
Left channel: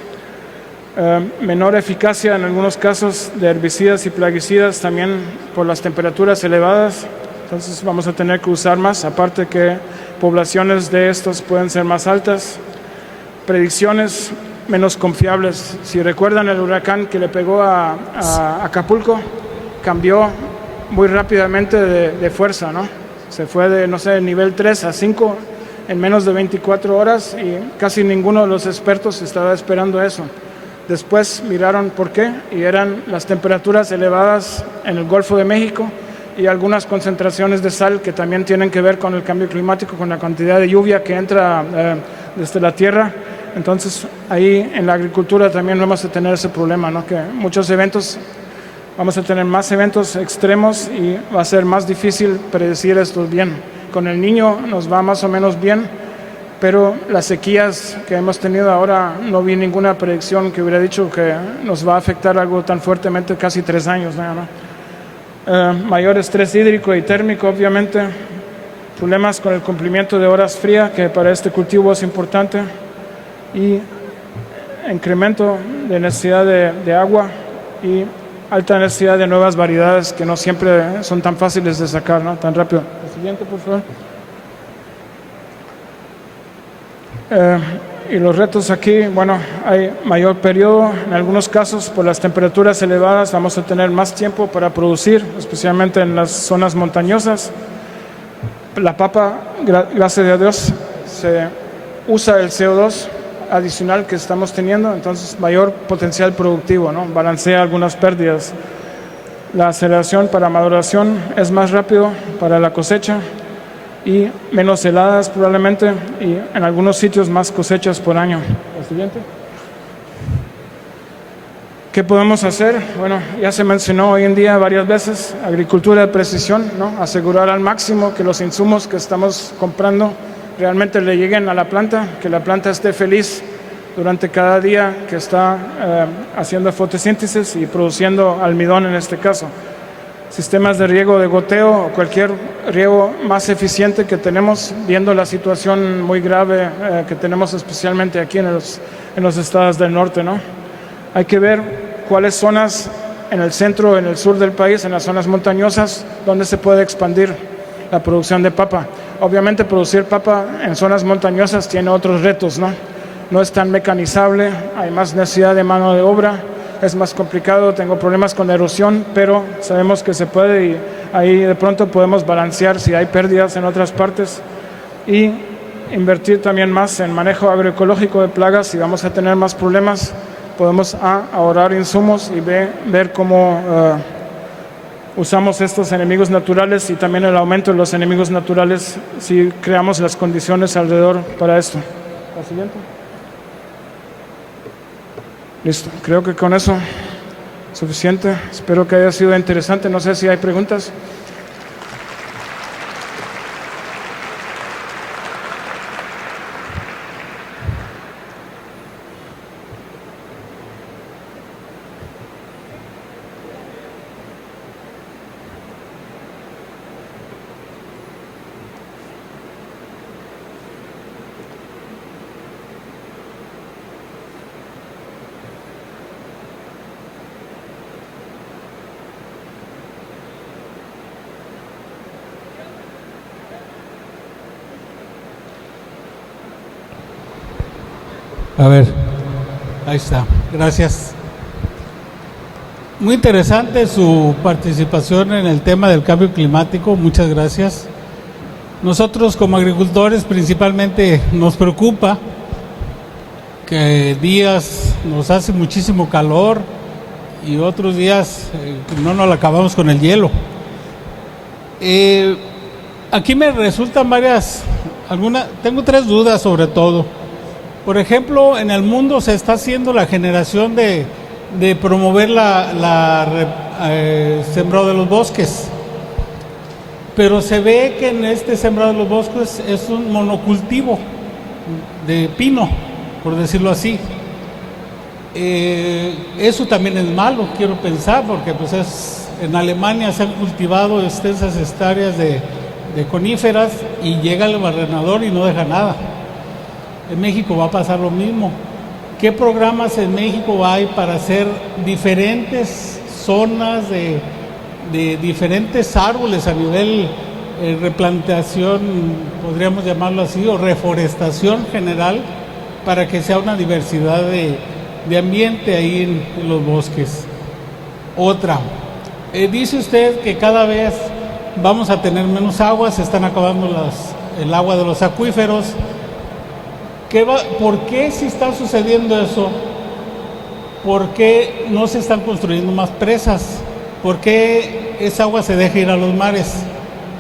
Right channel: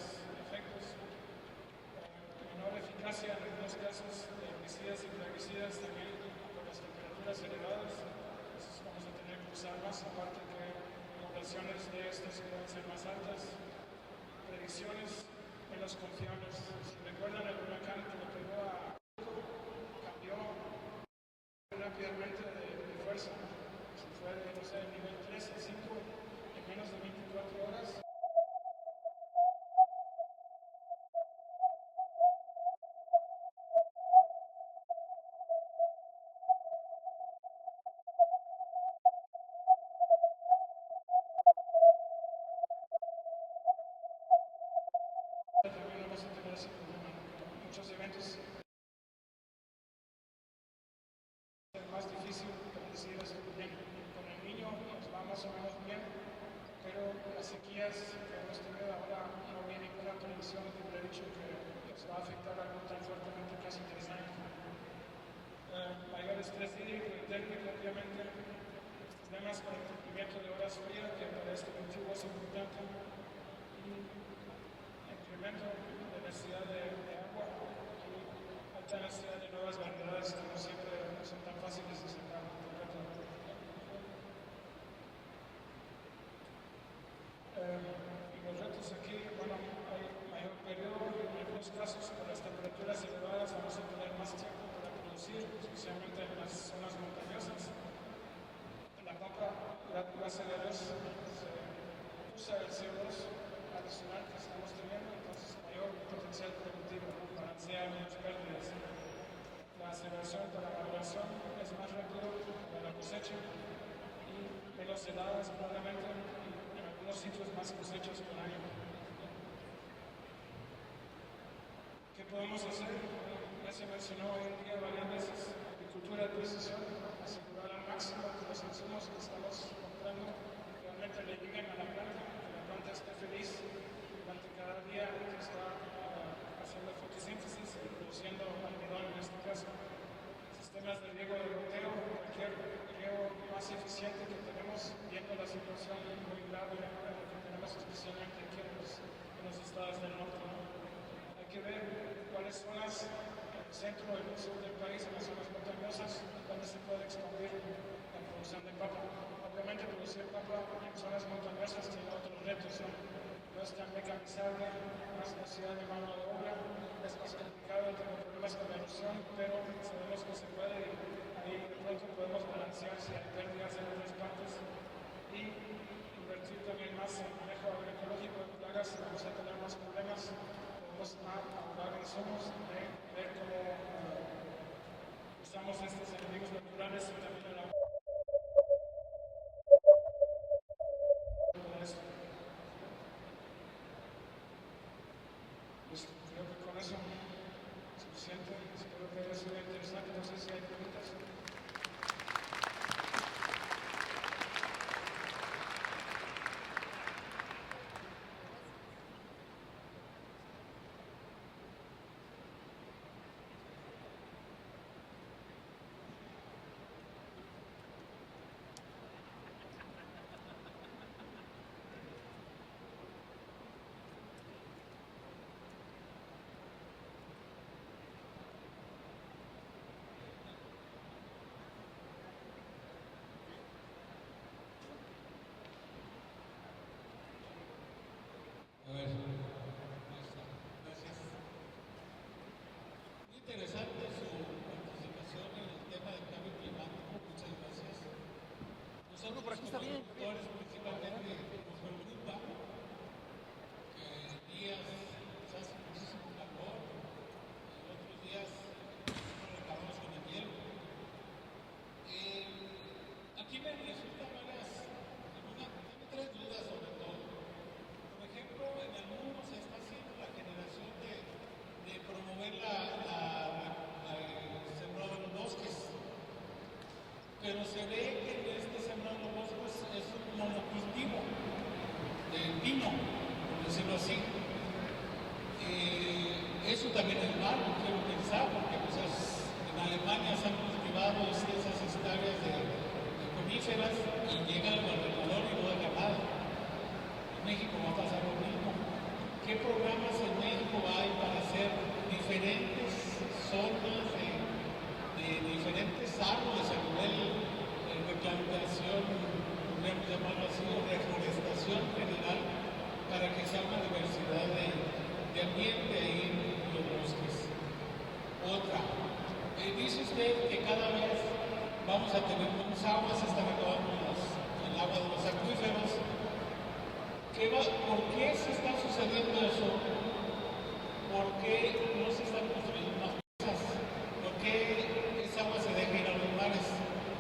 Menor eficacia en algunos casos de herbicidas y plaguicidas también por las temperaturas elevadas. Entonces vamos a tener que usar más, aparte que poblaciones de estos pueden ser más altas. Predicciones menos confiables. Si recuerdan el huracán que le pegó a Acapulco, cambió muy rápidamente de fuerza, ¿no? Se fue de, no sé, nivel 3 a 5 en menos de 24 horas y casi ninguno de los expertos estaba esperando eso. Después miraron por qué y eran las temperaturas elevadas en el Golfo de México y algunas concentraciones de sal que también tienen que ver con el cambio climático, con la cantidad de lluvia que entra desde la tierra. Entonces, ahí en la agricultura también vamos a tener ese problema, ¿no? Que muchos eventos, vamos a tener más eventos extremos y va a ser más difícil predecir esto bien. Con el Niño nos va más o menos bien, pero las sequías que hemos tenido ahora, no vi ninguna predicción que hubiera dicho que nos va a afectar algo tan fuertemente, casi 3 años, ¿no? Mayor estrés hídrico y térmico, obviamente. Problemas con el cumplimiento de horas frías, que para este cultivo es importante. Y incremento de necesidad de agua y alta necesidad de nuevas variedades que no siempre son tan fáciles de sacar, ¿no? Tan rápido. El siguiente, por favor. Y los retos aquí, bueno, hay mayor periodo, en algunos casos por las temperaturas elevadas vamos a tener más tiempo para producir, especialmente en las zonas montañosas. La papa, gracias a Dios, se usa el CO2 adicional que estamos teniendo, entonces mayor potencial productivo, ¿no? Balancea algunas pérdidas. La aceleración para maduración es más rápido para la cosecha y menos heladas probablemente, y en algunos sitios más cosechas por año. El siguiente. ¿Qué podemos hacer? Bueno, ya se mencionó hoy en día varias veces, agricultura de precisión, ¿no? Asegurar al máximo que los insumos que estamos comprando realmente le lleguen a la planta, que la planta esté feliz durante cada día que está haciendo fotosíntesis y produciendo almidón en este caso. Sistemas de riego de goteo o cualquier riego más eficiente que tenemos, viendo la situación muy grave que tenemos especialmente aquí en los estados del norte, ¿no? Hay que ver cuáles zonas en el centro, en el sur del país, en las zonas montañosas, donde se puede expandir la producción de papa. Obviamente producir papa en zonas montañosas tiene otros retos, ¿no? No es tan mecanizable, hay más necesidad de mano de obra, es más complicado, tengo problemas con erosión, pero sabemos que se puede y ahí de pronto podemos balancear si hay pérdidas en otras partes y invertir también más en manejo agroecológico de plagas. Si vamos a tener más problemas, podemos ahorrar insumos y ver cómo usamos estos enemigos naturales y también el aumento de los enemigos naturales si creamos las condiciones alrededor para esto. La siguiente. Listo, creo que con eso es suficiente. Espero que haya sido interesante. No sé si hay preguntas. A ver, ahí está, gracias. Muy interesante su participación en el tema del cambio climático, muchas gracias. Nosotros como agricultores principalmente nos preocupa que días nos hace muchísimo calor y otros días no nos la acabamos con el hielo. Aquí me resultan tengo 3 dudas sobre todo. Por ejemplo, en el mundo se está haciendo la generación de promover sembrado de los bosques, pero se ve que en este sembrado de los bosques es un monocultivo de pino, por decirlo así. Eso también es malo, quiero pensar, porque pues en Alemania se han cultivado extensas hectáreas de coníferas y llega el barrenador y no deja nada. En México va a pasar lo mismo. ¿Qué programas en México hay para hacer diferentes zonas de diferentes árboles a nivel replantación, podríamos llamarlo así, o reforestación general, para que sea una diversidad de ambiente ahí en los bosques? Otra, dice usted que cada vez vamos a tener menos agua, se están acabando el agua de los acuíferos. ¿Por qué si está sucediendo eso? ¿Por qué no se están construyendo más presas? ¿Por qué esa agua se deja ir a los mares?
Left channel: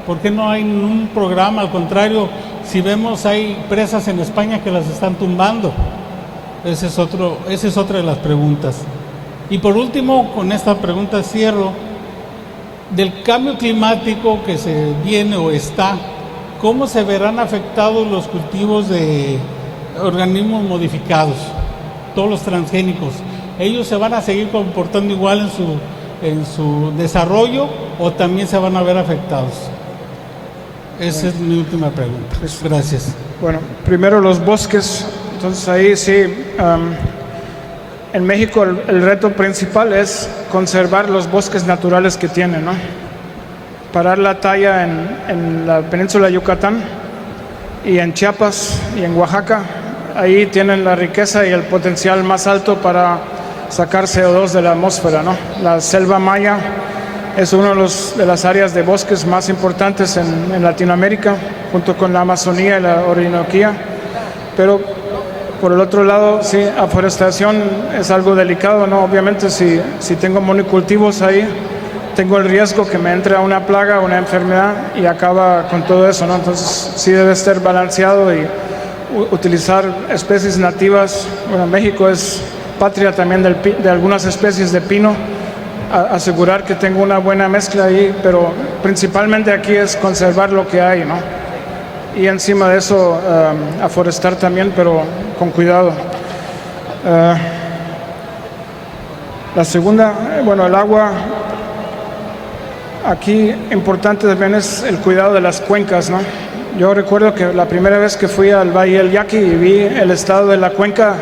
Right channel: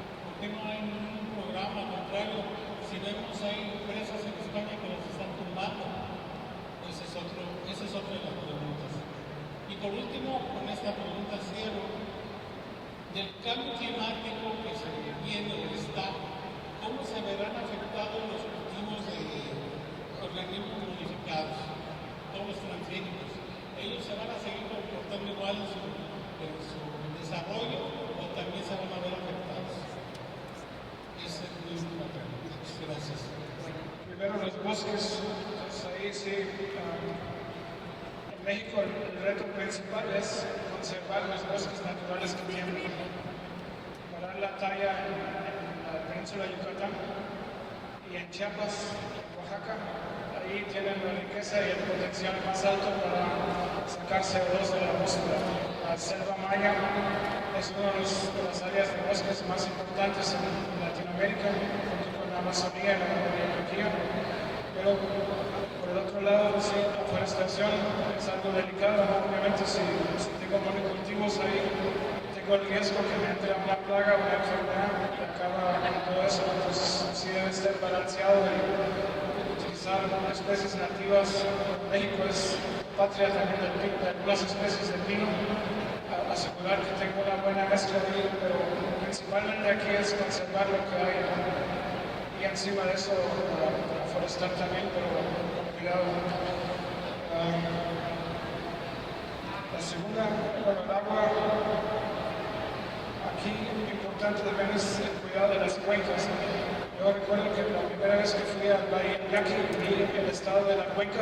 ¿Por qué no hay ningún programa? Al contrario, si vemos hay presas en España que las están tumbando. Esa es otra de las preguntas. Y por último, con esta pregunta cierro, del cambio climático que se viene o está, ¿cómo se verán afectados los cultivos de organismos modificados, todos los transgénicos? ¿Ellos se van a seguir comportando igual en su desarrollo o también se van a ver afectados? Esa es mi última pregunta. Gracias. Bueno, primero los bosques. Entonces ahí sí, en México el reto principal es conservar los bosques naturales que tienen, ¿no? Parar la talla en la península de Yucatán y en Chiapas y en Oaxaca. Ahí tienen la riqueza y el potencial más alto para sacar CO2 de la atmósfera, ¿no? La selva maya es una de las áreas de bosques más importantes en Latinoamérica, junto con la Amazonía y la Orinoquía. Pero por el otro lado, sí, aforestación es algo delicado, ¿no? Obviamente si tengo monocultivos ahí, tengo el riesgo que me entre una plaga, una enfermedad y acaba con todo eso, ¿no? Entonces sí debe estar balanceado y utilizar especies nativas. Bueno, México es patria también de algunas especies de pino, asegurar que tengo una buena mezcla ahí, pero principalmente aquí es conservar lo que hay, ¿no? Y encima de eso aforestar también, pero con cuidado. La segunda, bueno, el agua. Aquí importante también es el cuidado de las cuencas, ¿no? Yo recuerdo que la primera vez que fui al Valle del Yaqui y vi el estado de la cuenca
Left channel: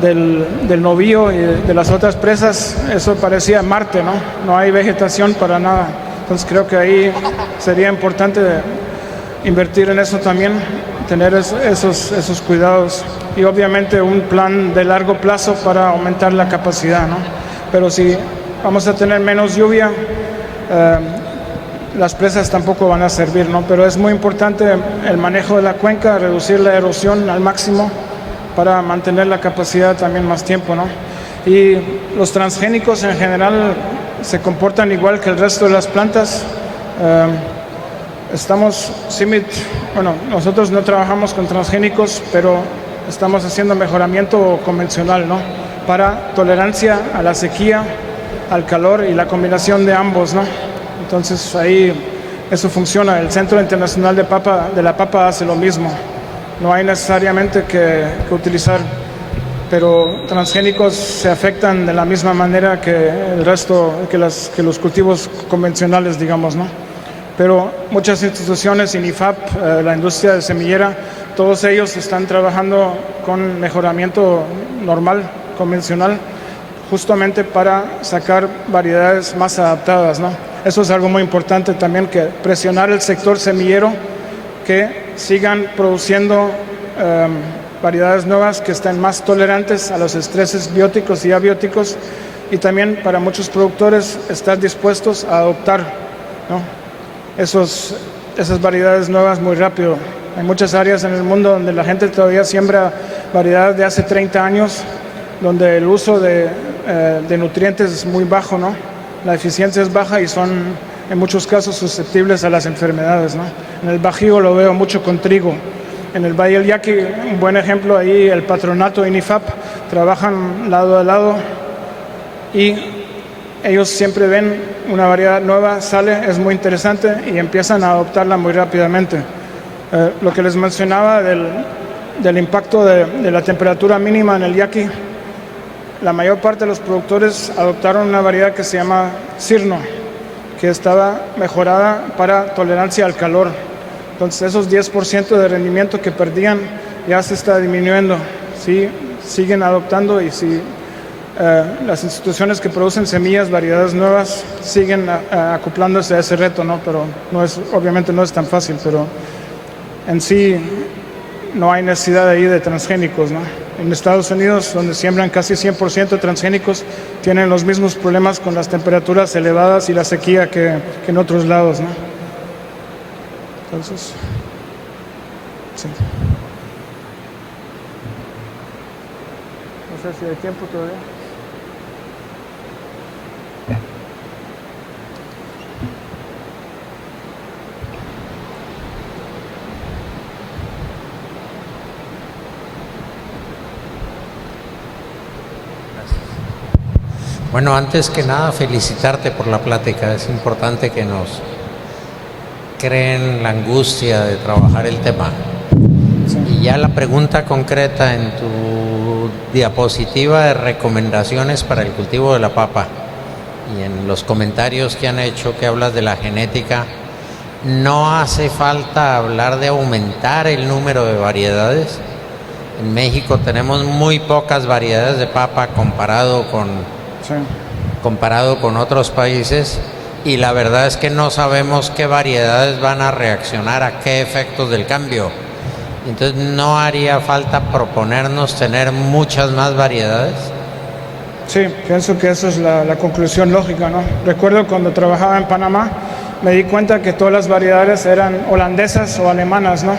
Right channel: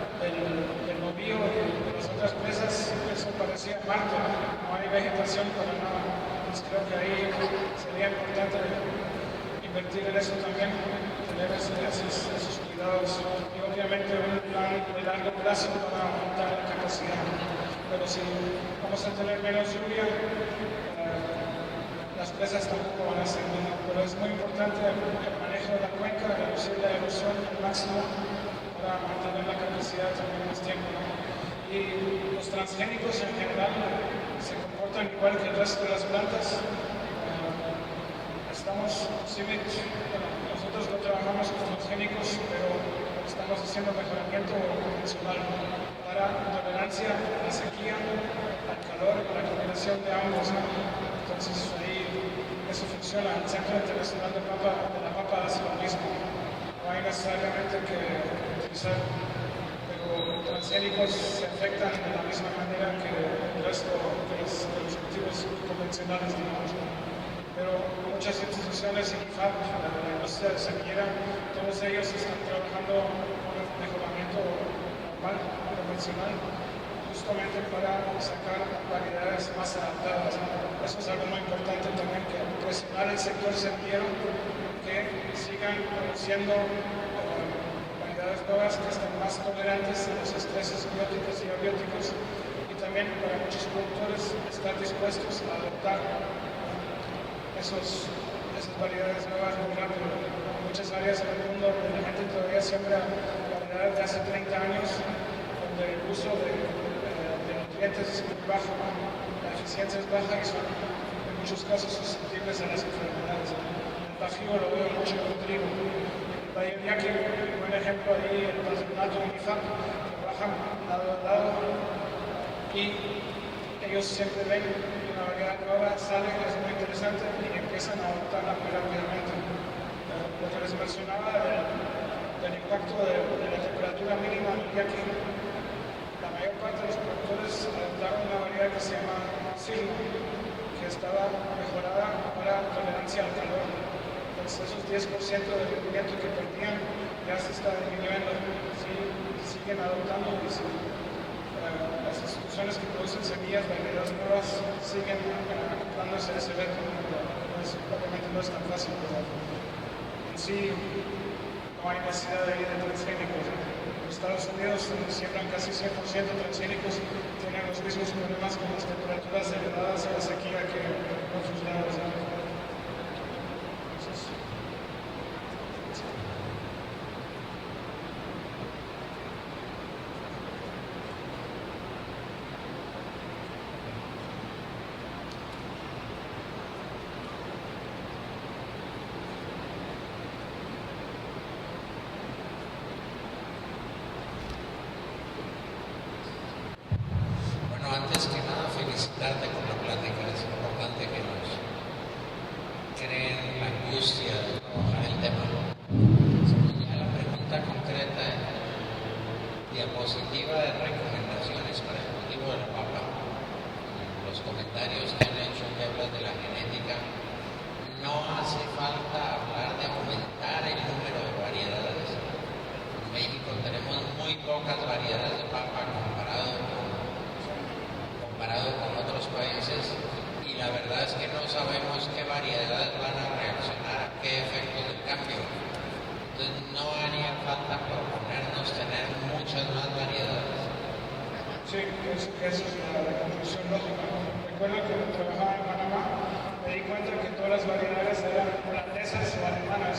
del Novillo y de las otras presas, eso parecía Marte, ¿no? No hay vegetación para nada. Entonces creo que ahí sería importante invertir en eso también, tener esos cuidados y obviamente un plan de largo plazo para aumentar la capacidad, ¿no? Pero si vamos a tener menos lluvia, las presas tampoco van a servir, ¿no? Pero es muy importante el manejo de la cuenca, reducir la erosión al máximo para mantener la capacidad también más tiempo, ¿no? Y los transgénicos en general se comportan igual que el resto de las plantas. Bueno, nosotros no trabajamos con transgénicos, pero estamos haciendo mejoramiento convencional, ¿no? Para tolerancia a la sequía, al calor y la combinación de ambos, ¿no? Entonces ahí eso funciona. El Centro Internacional de la Papa hace lo mismo. No hay necesariamente que utilizar, pero transgénicos se afectan de la misma manera que el resto, que los cultivos convencionales, digamos, ¿no? Pero muchas instituciones, INIFAP, la industria de semillera, todos ellos están trabajando con mejoramiento normal, convencional, justamente para sacar variedades más adaptadas, ¿no? Eso es algo muy importante también, que presionar el sector semillero que sigan produciendo variedades nuevas que estén más tolerantes a los estreses bióticos y abióticos, y también para muchos productores estar dispuestos a adoptar, ¿no? esas variedades nuevas muy rápido. Hay muchas áreas en el mundo donde la gente todavía siembra variedades de hace 30 años, donde el uso de nutrientes es muy bajo, ¿no? La eficiencia es baja y son en muchos casos susceptibles a las enfermedades, ¿no? En el Bajío lo veo mucho con trigo. En el Valle del Yaqui, un buen ejemplo, ahí el patronato INIFAP trabajan lado a lado y ellos siempre ven una variedad nueva, sale, es muy interesante y empiezan a adoptarla muy rápidamente. Lo que les mencionaba del impacto de la temperatura mínima en el Yaqui, la mayor parte de los productores adoptaron una variedad que se llama Cirno, que estaba mejorada para tolerancia al calor. Entonces esos 10% de rendimiento que perdían ya se está disminuyendo. Sí, siguen adoptando y si las instituciones que producen semillas, variedades nuevas, siguen acoplándose a ese reto, ¿no? Pero obviamente no es tan fácil, pero en sí no hay necesidad ahí de transgénicos, ¿no? En Estados Unidos, donde siembran casi 100% transgénicos, tienen los mismos problemas con las temperaturas elevadas y la sequía que en otros lados, ¿no? Entonces, sí. No sé si hay tiempo todavía. Bueno, antes que nada, felicitarte por la plática. Es importante que nos creen la angustia de trabajar el tema. Y ya la pregunta concreta en tu diapositiva de recomendaciones para el cultivo de la papa y en los comentarios que han hecho que hablas de la genética, no hace falta hablar de aumentar el número de variedades. En México tenemos muy pocas variedades de papa comparado con otros países, y la verdad es que no sabemos qué variedades van a reaccionar a qué efectos del cambio. Entonces, ¿no haría falta proponernos tener muchas más variedades? Sí, pienso que esa es la conclusión lógica, ¿no? Recuerdo cuando trabajaba en Panamá, me di cuenta que todas las variedades eran holandesas o alemanas, ¿no?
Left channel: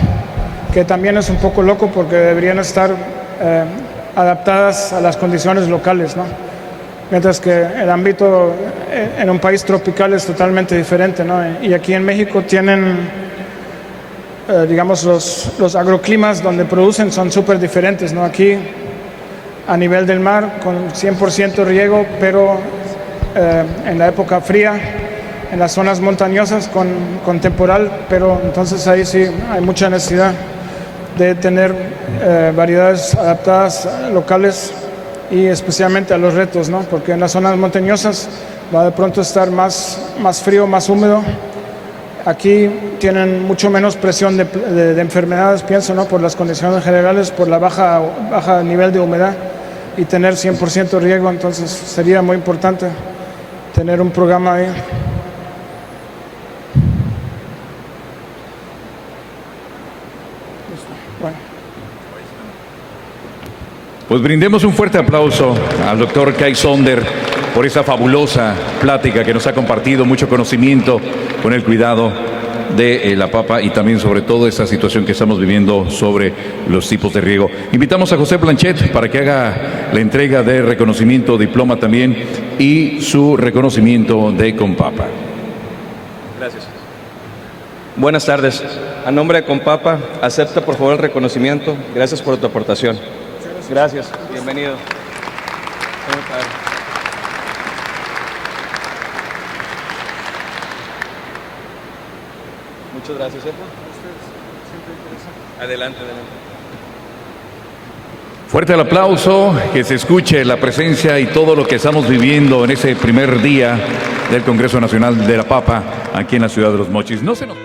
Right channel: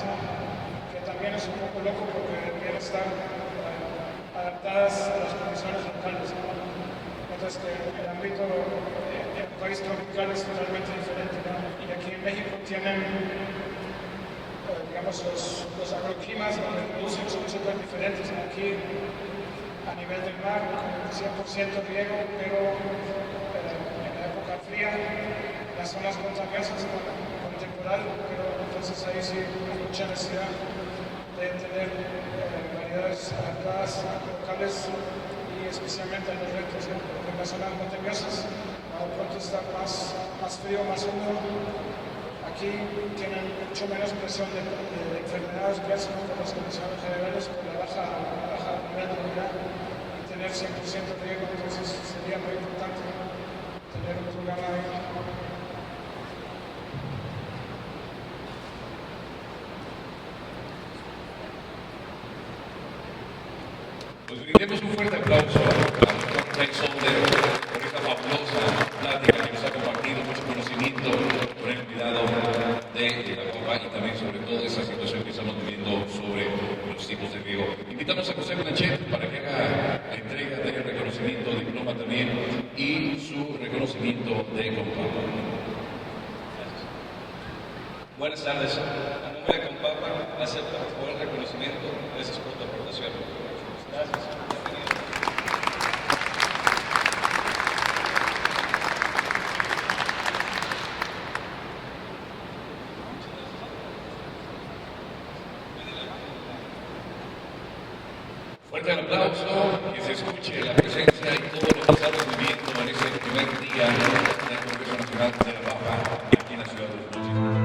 Que también es un poco loco porque deberían estar adaptadas a las condiciones locales, ¿no? Mientras que el ámbito en un país tropical es totalmente diferente, ¿no? Y aquí en México tienen, digamos, los agroclimas donde producen son súper diferentes, ¿no? Aquí a nivel del mar con 100% riego, pero en la época fría, en las zonas montañosas con temporal, pero entonces ahí sí hay mucha necesidad de tener variedades adaptadas locales y especialmente a los retos, ¿no? Porque en las zonas montañosas va de pronto a estar más frío, más húmedo. Aquí tienen mucho menos presión de enfermedades, pienso, ¿no? Por las condiciones generales, por la baja nivel de humedad y tener 100% riego, entonces sería muy importante tener un programa ahí. Pues brindemos un fuerte aplauso al doctor Kai Sonder por esa fabulosa plática que nos ha compartido, mucho conocimiento con el cuidado de la papa y también sobre todo esta situación que estamos viviendo sobre los tipos de riego. Invitamos a José Blanchet para que haga la entrega de reconocimiento, diploma también, y su reconocimiento de Compapa. Gracias. Buenas tardes. A nombre de Compapa, acepta por favor el reconocimiento. Gracias por tu aportación. Gracias. Bienvenido. Muchas gracias. Adelante. Fuerte el aplauso, que se escuche la presencia y todo lo que estamos viviendo en ese primer día del Congreso Nacional de la Papa aquí en la ciudad de Los Mochis. No se nos...